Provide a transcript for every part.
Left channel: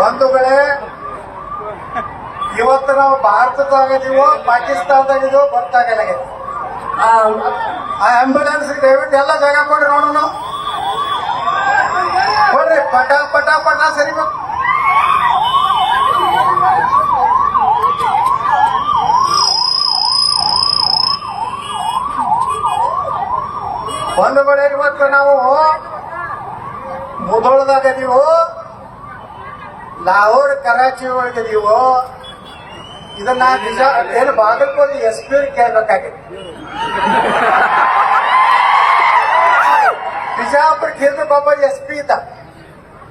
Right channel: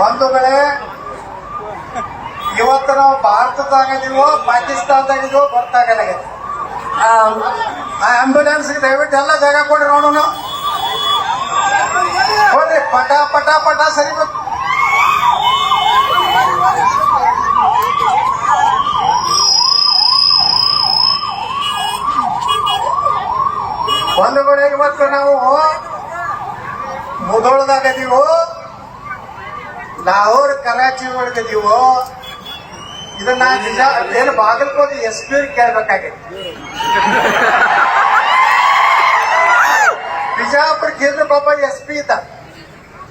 ಬಂಧುಗಳೇ, ಇವತ್ತು ನಾವು ಭಾರತದಾಗಿದೀವೋ ಪಾಕಿಸ್ತಾನದಾಗಿದೀವೋ ಗೊತ್ತಾಗಲ್ಲ. ಆ ಆಂಬ್ಯುಲೆನ್ಸ್ ದಯವಿಟ್ಟು ಎಲ್ಲ ಜಾಗ ಕೊಡ್ರಿ ನೋಡೋಣ. ಕೊಡ್ರಿ, ಪಟ ಪಟ ಪಟ ಸರಿಬೇಕು. ಬಂಧುಗಳೇ, ಇವತ್ತು ನಾವು ಮುಧೋಳದಾಗದೀವೋ ಲಾಹೋರ್ ಕರಾಚಿ ಒಳಗದೀವೋ, ಇದನ್ನ ನಿಜ ಏನು ಬಾಗಲಕೋಟೆ SP ಕೇಳ್ಬೇಕಾಗಿತ್ತು. ಬಿಜಾಪುರ ಕೇಂದ್ರಕ್ಕೊಬ್ಬ SP ಇದ್ದ.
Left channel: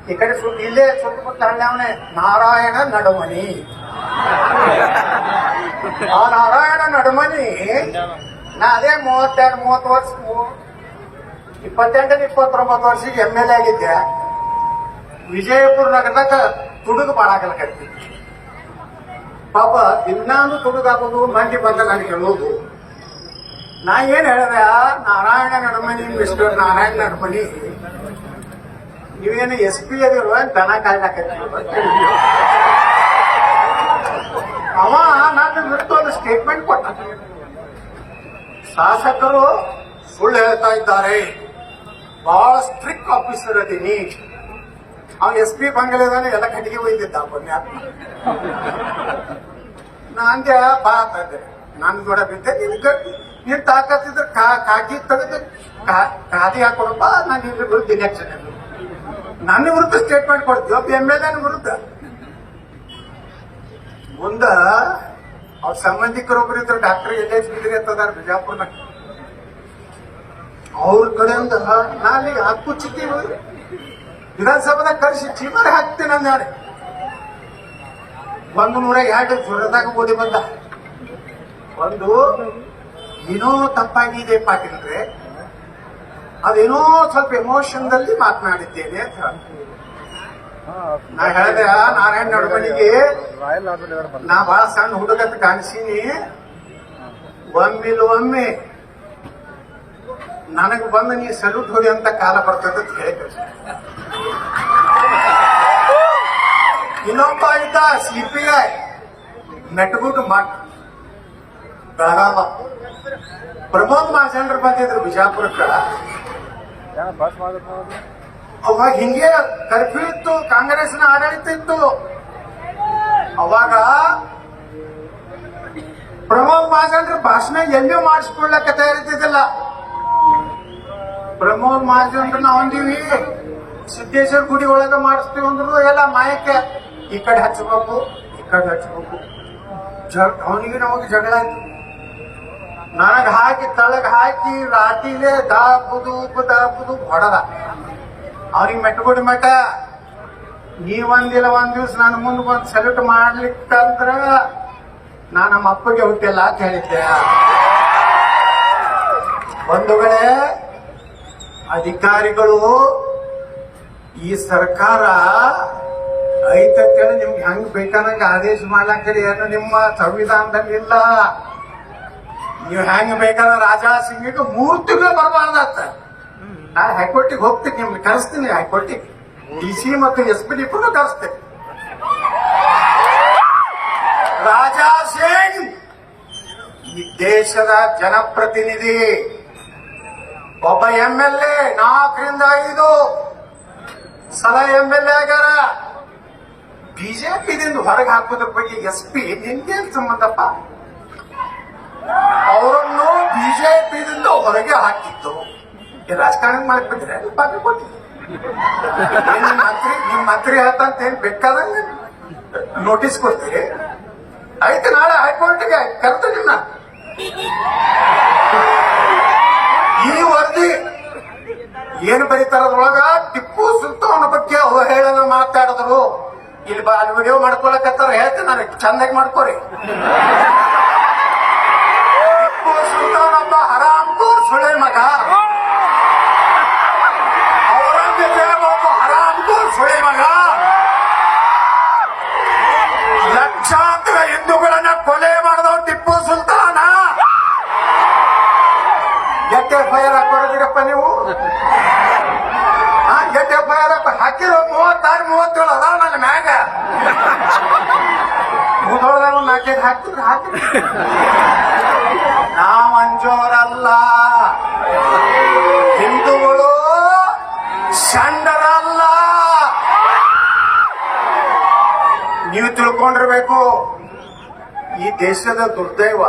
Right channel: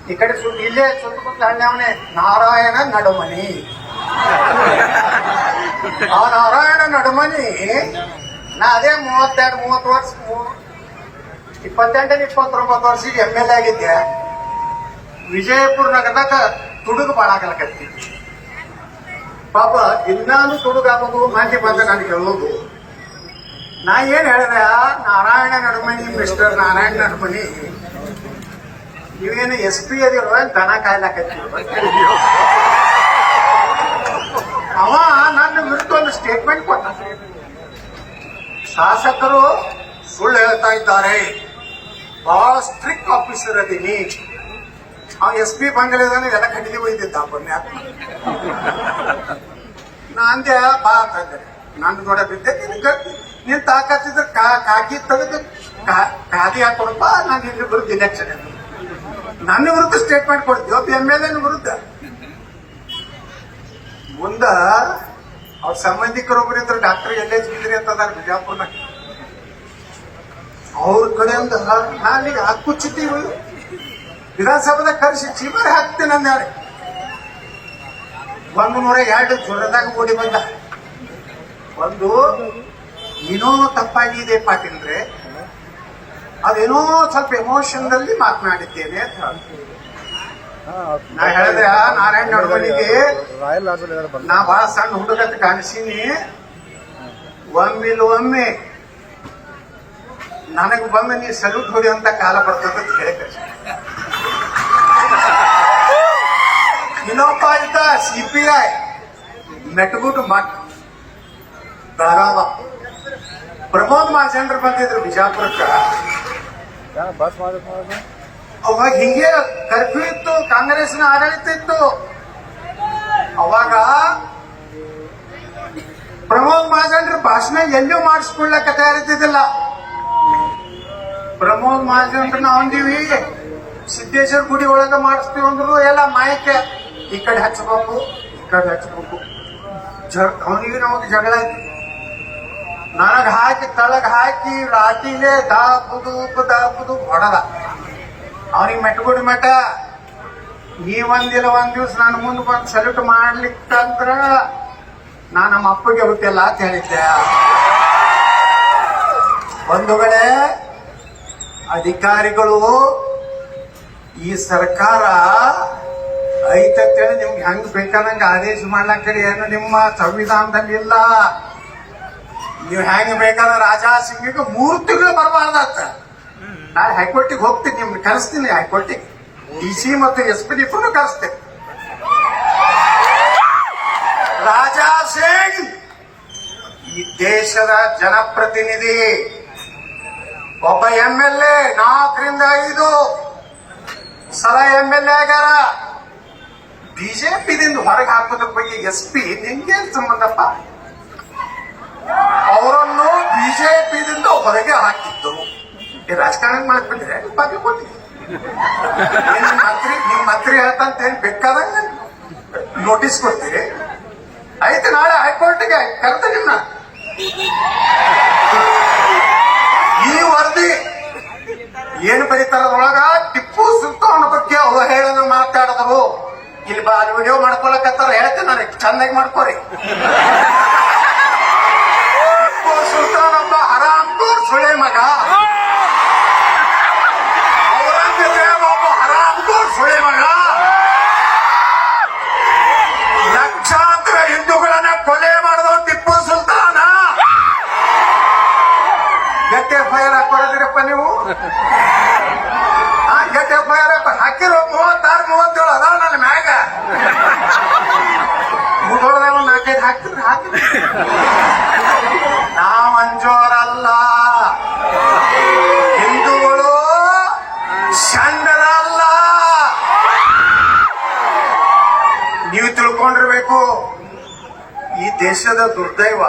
ಈ ಕಡೆ ಇಲ್ಲೇ ಸುತ್ತಮುತ್ತ ಹಳ್ಳಿ ನಾರಾಯಣ ನಡುಮನಿ. ಆ ನಾರಾಯಣ ನಡುಮನಿ ನಾ ಅದೇ 32-30 ವರ್ಷ 28-29 ವರ್ಷಕ್ಕೆ MLA ಆಗಿದ್ದೆ. ವಿಜಯಪುರ ನಗರದಾಗ ತುಡುಗು ಬಾಳಾಗಲಕತ್ತಿ. ಪಾಪ ಇನ್ನೊಂದು ತುಡುಗಾಗೋದು ಮಂದಿ ಬಂದ ನಾನು ಹೇಳೋದು. ನಾ ಏನ್ ಹೇಳಿದೆ, ನಾರಾಯಣ ನಡುಮನಿ, ಮಿಸ್ಟರ್ ನಾರಾಯಣ ನಡುಮನಿ, ನೀವೇನು SP ಅದಿರೋ ದನ ಕಾಯ್ಲಾಕತ್ತಿ. ಅವ ನನ್ನ ವಿರುದ್ಧ ಒಂದು ಸ್ಟೇಟ್ಮೆಂಟ್ ಕೊಟ್ಟ. ಶಾಸಕರು ಸುಳ್ಳು ಹೇಳ್ತಾ ಇದ್ದಾರೆ, ಬಹಳ ಸ್ಟ್ರಿಕ್ಟ್ ಆಫೀಸರ್ ಅದೀನಿ. ಅವ SP ಬಂಗಲೆದಾನೆ ಎಲ್ಲ ಕಟ್ಟಿಗೆ ಒಯ್ದಿದ್ದ. ಪುಣ್ಯಾತ್ಮ ನಾ ಅಂದೆ, ಬಾ ಅಂತಂದೆ. ನನ್ನ ಕೂಡ ಬಿದ್ದೆ, ನೀನ್ ತಾಕತ್ತಿದ್ರೆ ಕಾಕಿ ತೆಗೆದು ಖಾದಿ ಹಾಕೊಡಪ್ಪ, ನಾನು ನಿನ್ನ ವಿರುದ್ಧ ಇಲೆಕ್ಷನ್ ನನ್ನ ವಿರುದ್ಧ ಸ್ಟೇಟ್ಮೆಂಟ್ ಕೊಡ್ತೀವಿ. ಒಬ್ಬ MLA ವಿರುದ್ಧ. ಮುಂದ ಅವ್ರ ಸಂಬಂಧಿಕರೊಬ್ಬರು ಇದ್ರು, ಡಾಕ್ಟರ್ LH ಬಿದ್ರಿ ಅಂತದಾರ ಬಿಜಾಪುರ್ನಾಗ. ಅವ್ರ ಕಡೆಯಿಂದ ನಾನೀಗ ಹಕ್ಕುಚ್ಚಿತೀವಿ ವಿಧಾನಸಭಾದಾಗ ಕರೆಸಿ ಚೀಮರಿ ಹಾಕ್ತೀನಿ ಅಂದ್ಯಾರೆ. 102 ಜ್ವರದಾಗ ಓಡಿ ಬಂದ. ಒಂದು ಏನೋ ತಪ್ಪಾಗಿದೆ ಪಾಟೀಲ್ರೆ, ಅದೇನೋ ಸ್ವಲ್ಪ ಎಮೋಷನ್ದಲ್ಲಿ ಮಾತನಾಡಿದ್ದೇನೆ ಅಂತ. ನಾ ಹೇಳಿದೆ, ನಾರಾಯಣ ನಡುಮನಿಗೆ ನಾ ಬಹಳ ಸಣ್ಣ ಹುಡುಗತ್ ಕಾಣಿಸೀನಿ, ಒಮ್ಮೆ ನನಗೆ ಬಂದು ನೀ ಸಲ್ಯೂಟ್ ಹೊಡಿ ಅಂತ ಕಾಲ ಬರ್ತದೆ ಅಂತ ಹೇಳಿ ಕಳಿಸಿ. ಇನ್ನೊಬ್ಬ ಇದ್ದ CPI ಮೆಟ್ಗುಟ್ಟು ಮಠ್ ಬೆಳಗಾವ. ಪ್ರಮೋದ್ ಮಹಾಜನ್ರು ಬಂದಿದ್ರು ಬಿಜಾಪುರಕ್ಕ. ಅವಾಗ ಹಿಂಗೆ ಕರ್ಫ್ಯೂ ಇತ್ತು, ಕಾಂಗ್ರೆಸ್ನ ಆಡಳಿತ ಇತ್ತು. ಅವಾಗ ಪ್ರಮೋದ್ ಮಹಾಜನ್ರ ಭಾಷಣ ಎಲ್ಲೂ ಮಾಡಿಸ್ಕೊಳ್ಳಕ್ಕೆ ತಯಾರಿದ್ದಿಲ್ಲ. ಪ್ರಮೋದ್ ಮಹಾಜನ್ರ ನಾವು ಅಂದೀವಿ ಸಿದ್ದೇಶ್ವರ ಗುಡಿ ಒಳಗೆ ಮಾಡಿಸ್ತೀವಿ ಅಂದ್ರು, ಎಲ್ಲ ಮಾಯಕ ಈ ಕಡೆ ಹಚ್ಚಬೇಕು, ಈ ಕಡೆ ಹಚ್ಚಬೇಕು. ಅವನಿಗೆ ನಮಗೆ ಜಗಳ ಆಯ್ತು. ನನಗ ಹಾಕಿ ತಳಗ ಹಾಕಿ ರಾಟಿಲೆ ದಾಬುದು ಹೊಡದ. ಅವ್ರಿಗೆ ಮೆಟ್ಗುಡಿ ಮಠ, ನೀವಂದಿಲ್ಲ ಒಂದ್ ದಿವ್ಸ ನಾನು ಮುಂದೆ ಬಂದು ಸಲ್ಯೂಟ್ ಮಾಡ್ಲಿಕ್ಕಂದ್ರ ನಾ ನಮ್ಮ ಅಪ್ಪಗೆ ಹುಟ್ಟಿಲ್ಲ ಅಂತ ಹೇಳಿದ್ದೆ. ಬಂಧುಗಳೇ, ಅಧಿಕಾರಿಗಳು ಈ ಸರ್ಕಾರ ಐತಂತೇಳಿ ನಿಮ್ಗೆ ಹೆಂಗ್ ಬೇಕಾದಂಗ ಆದೇಶ ಮಾಡ್ಲಾಕರಿ ಏನು ನಿಮ್ಮ ಸಂವಿಧಾನದಲ್ಲಿ ಇಲ್ಲ. ನೀವು ಹೆಂಗ್ ಬೇಕಾದ ರಾಜಾ ಸಿಂಗಿಗೆ 3 ತಿಂಗಳು ಬರಬಾರ್ದತ್ತ. ನಾನು ಹೈಕೋರ್ಟಿಗೆ ಹೋಗ್ತೀನಿ, ನಿಮ್ಗೆ ಕರೆಸ್ತೀನಿ. ಹೈಕೋರ್ಟಿಗೆ DC ಮತ್ತು SP ಕರೆಸ್ತೇನೆ. ರಾಜಾ ಸಿಂಗ್ ಈ ದೇಶದ ಜನಪ್ರತಿನಿಧಿ, ಒಬ್ಬ MLA 4ರಿಂದ 5 ಸಲ MLA ಆಗ್ಯಾರ. BJPದಿಂದ ಹೊರಗೆ ಹಾಕೋದ್ರ ಬಗ್ಗೆ SP ನಿಮ್ಗೇನ್ ಸಂಬಂಧಪ್ಪ? ಅವರನ್ನು BJPದಿಂದ ಹೊರಗೆ ಹಾಕಿದ್ದು ರಾಜಕಾರಣ ಮಾಡ್ಬಿಟ್ರೆ ಬಾಗಲಕೋಟೆ ನಿಮ್ ಮಂತ್ರಿ ಹೇಳ್ತಂತ ಏನ್ ಬೇಕಾದಂಗ ನೋಟಿಸ್ ಕೊಡ್ತೀರಿ. ಆಯ್ತು, ನಾಳೆ ಹೈಕೋರ್ಟ್ಗೆ ಕರೆದು ನಿಮ್ನ. ಈ ವರದಿ ಏನು ಬರೀತಾರದ್ರೊಳಗ ಟಿಪ್ಪು ಸುಲ್ತಾನ್ ಬಗ್ಗೆ ಅವಹೇಳನ ಮಾತಾಡಿದ್ರು. ಇಲ್ಲಿ ಬಾ, ವಿಡಿಯೋ ಮಾಡ್ಕೊಳಕತ್ತಾರ, ಹೇಳ್ತೀನಿ ನನಗೆ ಚಂದಾಗಿ ಮಾಡ್ಕೋರಿ. ಟಿಪ್ಪು ಸುಲ್ತಾನ್ ಒಬ್ಬ ಹರಾಮ್ಖೋರ್ ಸುಳೆ ಮಗ, ಔರಂಗಜೇಬ್ ಒಬ್ಬ ಹರಾಮ್ಖೋರ್ ಸುಳೆ ಮಗ. ಲಕ್ಷಾಂತರ ಹಿಂದೂಗಳನ್ನ ಕೊಲೆ ಮಾಡಿದವ ಟಿಪ್ಪು ಸುಲ್ತಾನ. ಎಷ್ಟೇ FIR ಹಾಕೊಡಿದಿರಪ್ಪ ನೀವು? ಎಷ್ಟೇ FIR ಹಾಕಿರೋ 36-37 ಅದಾವ ನನ್ನ ಮ್ಯಾಗ. ಹಾಕಿದ್ರೆ ಹಾಕಿ. ನಾವ್ ಅಂಜೋರಲ್ಲ, ಹಿಂದೂಗಳು ಷಂಡರಲ್ಲ. ನೀವು ತಿಳ್ಕೊಂಡಿರ್ಬೇಕು, ಈ ದೇಶದ ದುರ್ದೈವ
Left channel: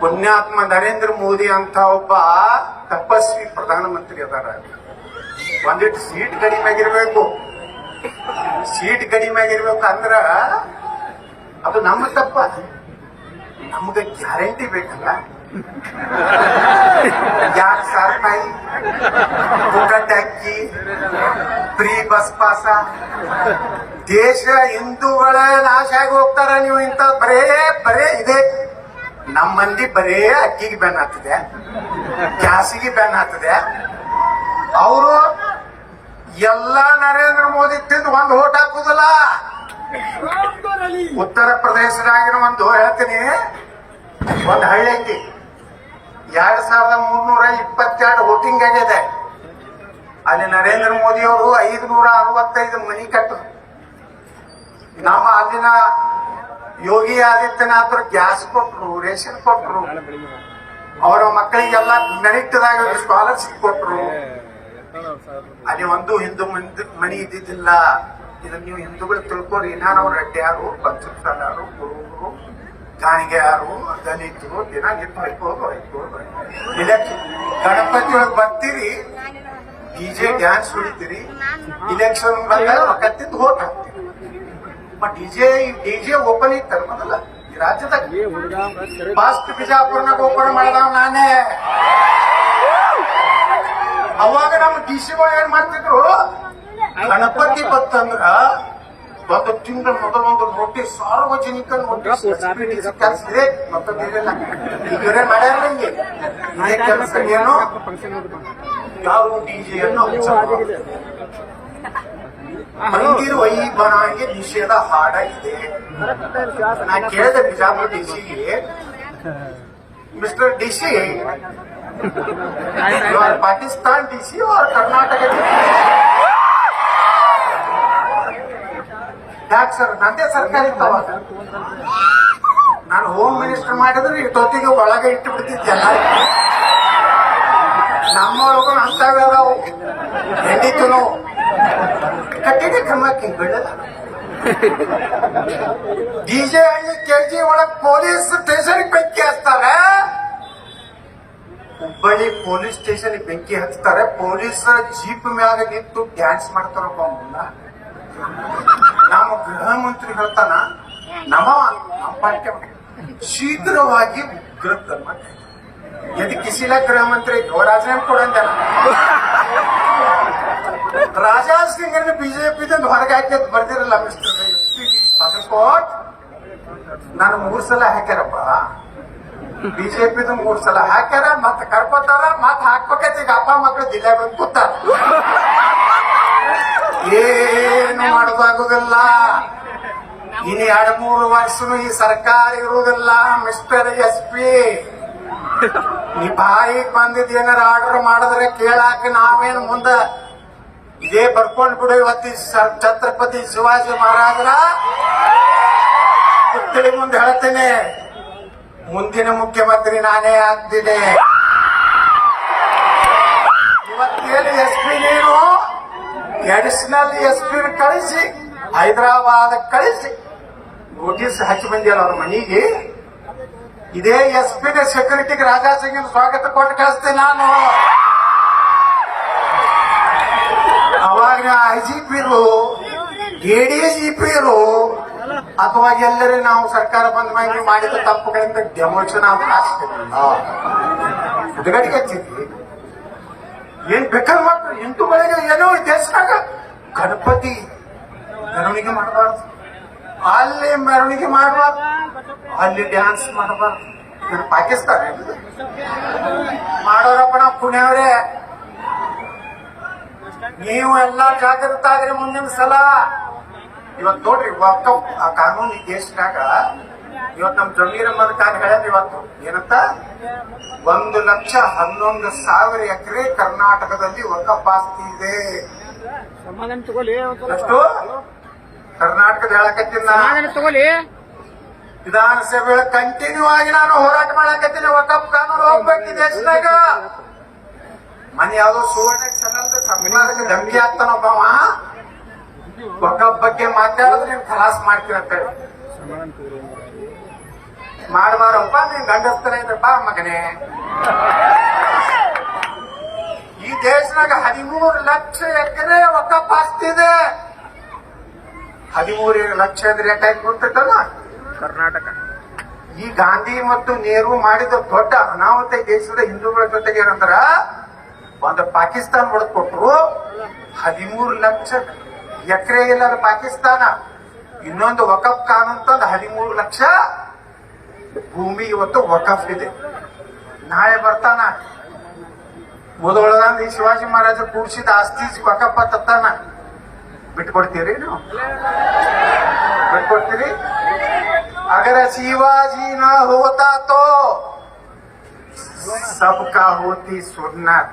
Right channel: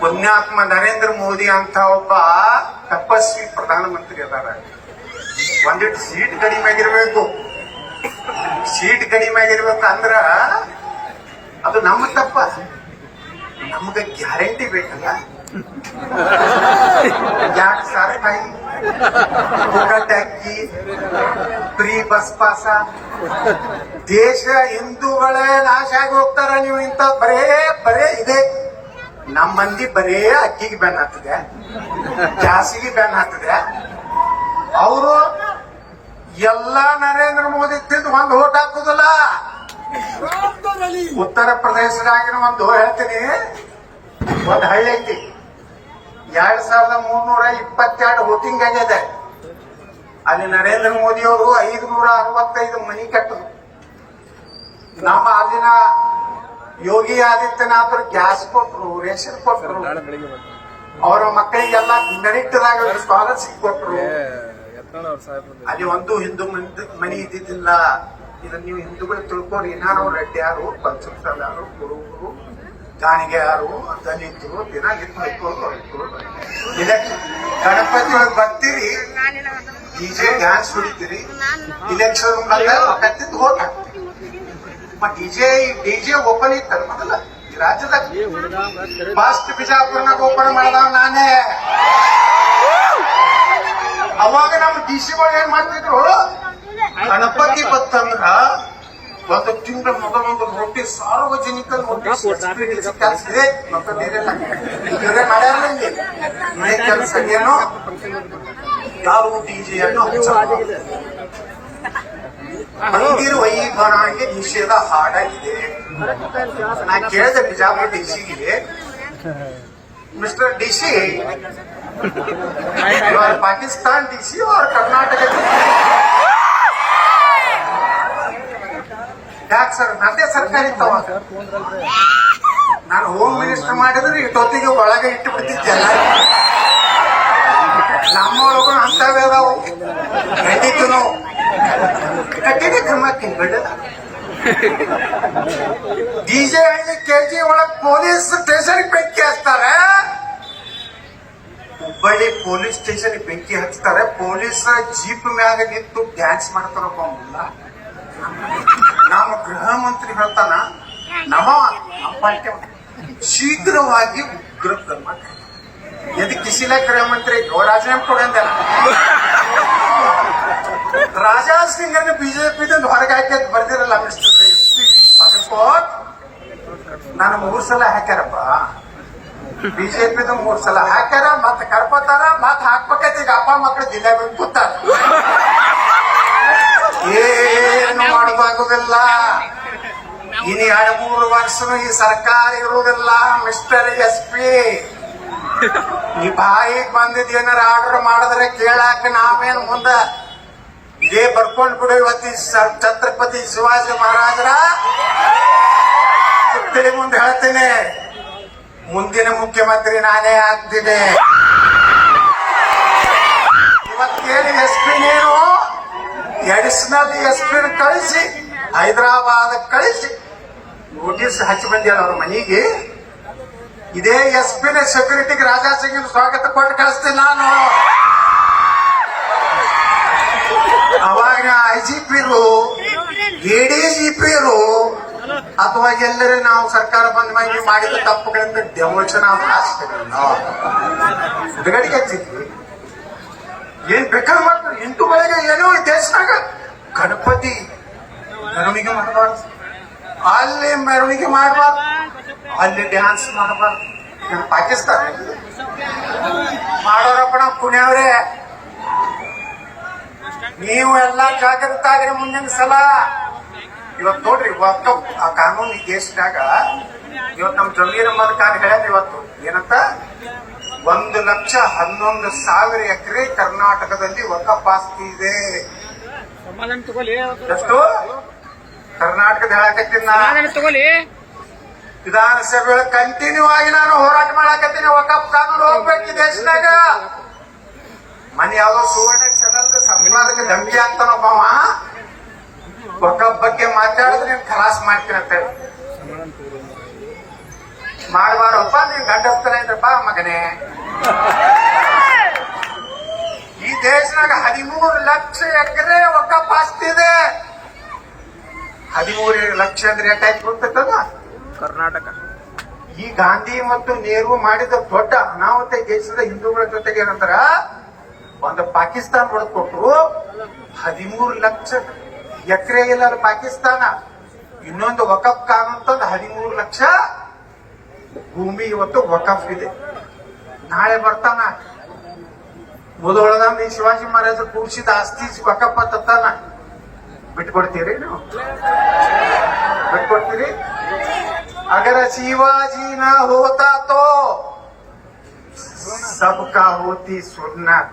ಪುಣ್ಯಾತ್ಮ ನರೇಂದ್ರ ಮೋದಿ ಅಂತ ಒಬ್ಬ ತಪಸ್ವಿ ಪ್ರಧಾನಮಂತ್ರಿ ಅದಾರ. ಒಂದಿಟ್ಟು ಸೀಟ್ ಕಡಿಮೆ ಆಗಿರ್ಬೇಕು. ಸೀಟ್ ಕಡಿಮೆ ಆಗಿರ್ಬೇಕು ಅಂದ್ರ ಅದು ನಮ್ಮ ತಪ್ಪ. ನಮ್ಗೆ ಗ್ಯಾರಂಟಿ ಬೇಕಲ್ಲ. 2,000 ರೂಪಾಯಿ ಪುಕ್ಕಟೆ ಅಕ್ಕಿ, ಫ್ರೀ ಬಸ್ ಪಾಸ. ದೇಶ ಹಿಂದೂಗಳ ನಾಶ ಆಗಿ ಹೋಗ್ತಾರ. ನೀವು ಇಂಥ ಬರೇ ಇದೆ. ನಮ್ಮ ಮಂದಿ ಬರೇ ಅಕ್ಕಿಗೆ ಬ್ಯಾನ್ ಆಗ್ತದೆ, ಗ್ಯಾಸಿಗೆ ಬ್ಯಾನ್ ಆಗ್ತದೆ. ಅವರು ಎಲ್ಲ ನರೇಂದ್ರ ಮೋದಿ ತಿಂದು ಒಂದು ಓಟ್ ಹಾಕುದಿಲ್ಲ. ಉತ್ತರ ಪ್ರದೇಶದಾಗಿನ ಒಂದು ಹೇಳ್ತೀನಿ, ಒಂದು ಹಳ್ಳಿ ಐತಿ, 2,322 ವೋಟಿಂಗ್ ಆಗಿದೆ. ಅಲ್ಲಿ ನರೇಂದ್ರ ಮೋದಿ ಅವರು 565 ಮನಿ ಕಟ್ಟರು. ನಮ್ಮ ಅಲ್ಲಿನ ಯೋಗಿ ಆದಿತ್ಯನಾಥರು ಗ್ಯಾಸ್ ಕೊಟ್ರು, ರೇಷನ್ ಕೊಟ್ರು, ಅವರ ಮಕ್ಕಳಿಗೆಲ್ಲ ಮೆರಿಟ್ದಾಗ ಸ್ಕಾಲರ್ಶಿಪ್ ಕೊಟ್ರು. ಅಲ್ಲಿ ಒಂದು ಹಿಂದೂ ಮನಿ ಇದ್ದಿದ್ದಿಲ್ಲ. ಇದನ್ನ ನೀವು ಹಿಂದೂಗಳು ತಿಳ್ಕೊರಿ. ನಾವು ರೆಡ್ಡಿಯಾರು, ಪಂಚಮಸಾಲಾರು, ಕುರುಬರು, ಗಾಣಿಗೆಯಾರು, ದಲಿತರು ದಿನ ಇಲೆಕ್ಷನ್ ಗಣಪತಿ ಒಳಗೆ ಬರ್ತೀರಿ, ಡಿಜೆ ಡ್ಯಾನ್ಸ್ ಹೊಡಿತೀರಿ. ಇಲೆಕ್ಷನ್ ಬಂದ ಕತ್ತಿದ್ದು ಓಟ್ ಹಾಕ್ತೀರಿ. ಡಿಜೆ ಓಪನ್ ಇತ್ತಲ್ಲ ಮೊದಲ ಈ ರಾಜ್ಯದಾಗ. ಫಸ್ಟ್ ಬಿಜಾಪುರ್ನಾಗ ಓಪನ್ ಮಾಡಿದವ ನಾನೇ. ಅವಾಗ ನಮ್ಮ ಡಿಸಿ ಒಳಗೆ ಏನ್ ಮಾಡ್ತಿದ್ರು, ಗಣಪತಿ ಬತ್ತಂದ್ರ ಒಂದು ತಿಂಗಳ ಮೊದಲೊಂದು ರೊಟ್ಟಿ ಸಾರ್ವಜನಿಕ ಕೆಲಸ ಇದೆ. ಮತ್ತೊಂದಿರಲ್ಲ, ಇದೇ ಮಾಡ್ಯಾರಲ್ಲ ಇಲ್ಲಿ ಇದೇ ಕೆಲಸ. ಏನು ಯಾರು ಡಿಜೆಯನ್ನು ಮಂದಿರ ವೈಭವಕ್ಕೆ ನಿಷೇಧ ಹಾಡಾಗಿದೆ. ನಾ ಕೇಳಿದೆ ಬಿಜಾಪುರ ಡಿಸಿಗೆ, mister DC, Pakistan DC Karnataka ಯಾಕೆ ಸರ್? ನಂದೇ ಸರ್ಕಾರ ಇತ್ತವ. ನಾನು ಹೋಮ್ ಮಿನಿಸ್ಟರ್ ಮಾಡಿದ್ರೆ ಇಷ್ಟೊತ್ತಿಗೆ ಒಳಗೆ ಇಟ್ಟು ಬಿಡ್ತಿದ್ದೆ. ನಮ್ಮೊಳಗೂ ಅಂತವೇ ಅದಾವು. ಖಂಡಿತು ನಾವು ಕಟ್ಟಿಗೆ ಕ್ರಮಕ್ಕೆ ಗಡ್ಡದ ಡಿಜೆ ಹಳ್ಳಿ ಕೆಜಿ ಒಳಗೆ ಪೊಲೀಸ್ ಸ್ಟೇಷನ್ ಬೆಂಕಿ ಹಚ್ತಾರೆ. ಹುಬ್ಬಳ್ಳಿ ಪೊಲೀಸ್ ಸ್ಟೇಷನ್ ಬೆಂಕಿ ಹಚ್ತಾರೆ. ಪೊಲೀಸ್ ಜೀಪ್ ಮ್ಯಾಗ ನಿಂತು ಡ್ಯಾನ್ಸ್ ಮಾಡ್ತಾರಪ್ಪ. ಮುಲ್ಲ ನಮ್ಮ ಗೃಹ ಮಂತ್ರಿ ಹೇಳ್ತಾನ, ನಮ್ಮ ಪಾರ್ಟಿ ಶೀಘ್ರವಾಗಿ ಉಗ್ರ ಕ್ರಮ. ಎದಕ್ಕೆ ಕಿಸಿಲ ಗೃಹ ಮಂತ್ರಿ ರಾಜೀನಾಮೆ ಕೊಡಂದಲ್ಲ. ರಾಜಾ ಸಿಂಗ್ ಅನ್ನು ಬಿಜೆಪಿದಿಂದ ಹೊರಗೆ ಹಾಕಿ ಬರ್ದಿರಲ್ಲ ಮಿಸ್ಟರ್ ಬಾಗಲಕೋಟ್. ನಾನು 3 ಸಲ ಹಾಕ್ಯಾರಪ್ಪ. ಬಿಜೆಪಿದು 3 ಸಲ ಹಾಕ್ಯಾರ, ಮತ್ತ ಕರ್ಕೋತಾರ, ಮತ್ತ ಹಾಕ್ಬೇಕೈತಿ. ಈಗ ಅಪ್ಪ ಮಕ್ಕಳು ದಿನ ಬಂದು ಕೂತಾರ. ಏನು ಮಾಡೋದಾಗುದಿಲ್ಲ. ಇನ್ನು 2-3 ವರ್ಷನೂ ಈ ಸರ್ಕಾರ ಇರುವುದಿಲ್ಲ. ಮಿಸ್ಟರ್ SP, ನೀ ಬಾಯಿಗೆ ಬಂದಿದ್ ಏನಾರ ಆರ್ಡರ್ ಮಾಡಿದ್ರೆ ಕೇಳಾಕ ನಾವೇನು ಮುಂದ ಇದೇ ಬರ್ಕೊಂಡ್ ಬಿಡು. ಇವತ್ತಿ ಛತ್ರಪತಿ ಶಿವಾಜಿ ಮಹಾರಾಜರ ಪುತ್ಥಳಿ ಮುಂದೆ ಹೇಳ್ತೇನೆ, ಮುಂದಿನ ಮುಖ್ಯಮಂತ್ರಿ ನಾನೇ ಆಗ್ತೀನಿ. ಇವತ್ತೇನು SP ನೀನು ಅಡಿಷನಲ್ SP ಕಳಿಸಿ ಹೈದರಾಬಾದ್ ಕಳಿಸಿ ನೋಟಿಸ್ ಹಚ್ಚಿ ಬಂದಿಲ್ಲ ಅವ್ರ ಮನೆಗೆ. ಇದೇ SP ಸೆಕ್ಯೂರಿಟಿಗೆ ರಾಜಾ ಸಿಂಗ್ ಸ್ವಾಗತ ಕೊಟ್ಟು ಕಳಿಸ್ತೀನಿ ನಾನು. ಅವಾಗ IGP ADGP ಅಥವಾ ಎಲ್ಲರೂ ನಾವು ಸರ್ಕಾರ ಬಂದ ಮೇಲೆ ಮಾಡಿದ ತಪ್ಪುಗಳಿಂದ ಡೆಮೋಷನ್ ಆದ್ರೆ ಹುಡುಗಡಿಗೆ ಹಚ್ಚಿದ್ವಿ. ಏನ್ ಬೇಕಾದ್ರೆ ಮಾಡ್ತಾರೆ. ಹಿಂದೂಗಳಿಗೆ ಏನೋ ದೇಶದಾಗ ಗಣಪತಿ ಮೆರವಣಿಗೆ ಮಾಡಬಾರ್ದು, ಅಲ್ಲಿ ಮೆರವಣಿಗೆ ಮಾಡಬಾರ್ದು, ಅಲ್ಲಿ ಡ್ಯಾನ್ಸ್ ಮಾಡಬಾರ್ದು. ಪಾಕಿಸ್ತಾನ ಮಾಡೋರಪ್ಪಣ ಪುಣ್ಯವರೇ, ನೀವು ಎಲ್ಲ ಜಾಗೃತ ಆಗ್ರಿ. ಮುಂದಿನ ಸಲ ಇವತ್ತು ನೋಡ್ರಿ, ವಕ್ಫ್ ಆ ಕಾನೂನು ಈ ದೇಶದಾಗ ಇವತ್ತು ನಮ್ಮ ಜಮೀರ್ ಅಹಮದ್ ಖಾನ್ ಹೇಳ್ಯಾರ ಇವತ್ತು ಏನಂತ, 1,11,000 ಎಕರೆ ಕರ್ನಾಟಕದಲ್ಲಿ ವಕ್ಫ್ ಆಸ್ತಿ ಇದೆ. ಎಷ್ಟು ಕರ್ನಾಟಕದ ಹೇಳಕತ್ತೀನಿ. ವಿಧಾನಸಭೆ ಕಂಟಿನ್ಯೂ ಆಗಿ ನಾನು ಹೋರಾಟ ಮಾಡಕತ್ತೀನಿ. ವಕಫ್ ಕಾನೂನು ಹೋಗ್ಬೇಕು ಈ ದೇಶನಾಗ. ಮನೆ ಯಾವ್ದೋ ಸುವರ್ಣ ಚಾನಲ್ ಸರ್ಕಾರಕ್ಕೆ ಧಮಕಿ ಆಗ್ತಾನೊಬ್ಬವ ವಕಫ್ ಬಗ್ಗೆ ಮಾತಾಡಿದ್ರೆ ನೀನ್ ಖಲಾಸ್ ಮಾಡ್ತೀನಿ ಅಂತ ಮಾಡಬಾರಪ್ಪ. ನೀನ್ ಗಂಡಸ್ತರ ಇದ್ರಪ್ಪ ಮಗನೇ. ಈ ದೇಶನಾಗ 13 ಲಕ್ಷ ಎಕರೆ ವಕಫ್ ಆಸ್ತಿ ಇದೆ. 13 ಲಕ್ಷ ಅಂದ್ರೆ ಯಾಕಾಯ್ತು ಗೊತ್ತಲ್ಲ? ಕರ್ನಾಟಕ. ಈ ಗಾಂಧಿ ಮತ್ತು ನೆಹರು ಮಾಡಿದ ದೊಡ್ಡ ಅನಾಹುತ ದೇಶದ ಹಿಂದೂಗಳ ಜೊತೆಗೆ ಏನಂದ್ರ ಒಂದು ಪಾಕಿಸ್ತಾನ ಹೊಡೆದ್ಕೊಟ್ರು. 13 ಲಕ್ಷ ಎಕರೆ ಇಲ್ಲ ಪಾಕಿಸ್ತಾನ. ಇನ್ನೊಂದು ವಕಫ್ ಕಾನೂನು ತಂದು 13 ಲಕ್ಷ ಭೂಮಿ ಇವತ್ತು ವಕಫ್ ಇದೆ. ನಾಳೆ ಬರ್ತಾನ ಮುದೋಳದ ಈ ಶಿವಾಜಿ ಮಹಾರಾಜ ಕೂಡಿಸಿದ ಆಸ್ತಿ ವಕಫ್ ತತ್ತಾನ. ಬಿಟ್ಕೊಡ್ತೀರಿ ನೀವು? ಬಿಟ್ಕೊಡ್ತೀರಿ? अगर शिवाजी न होता तो सबका होती सुन्नत,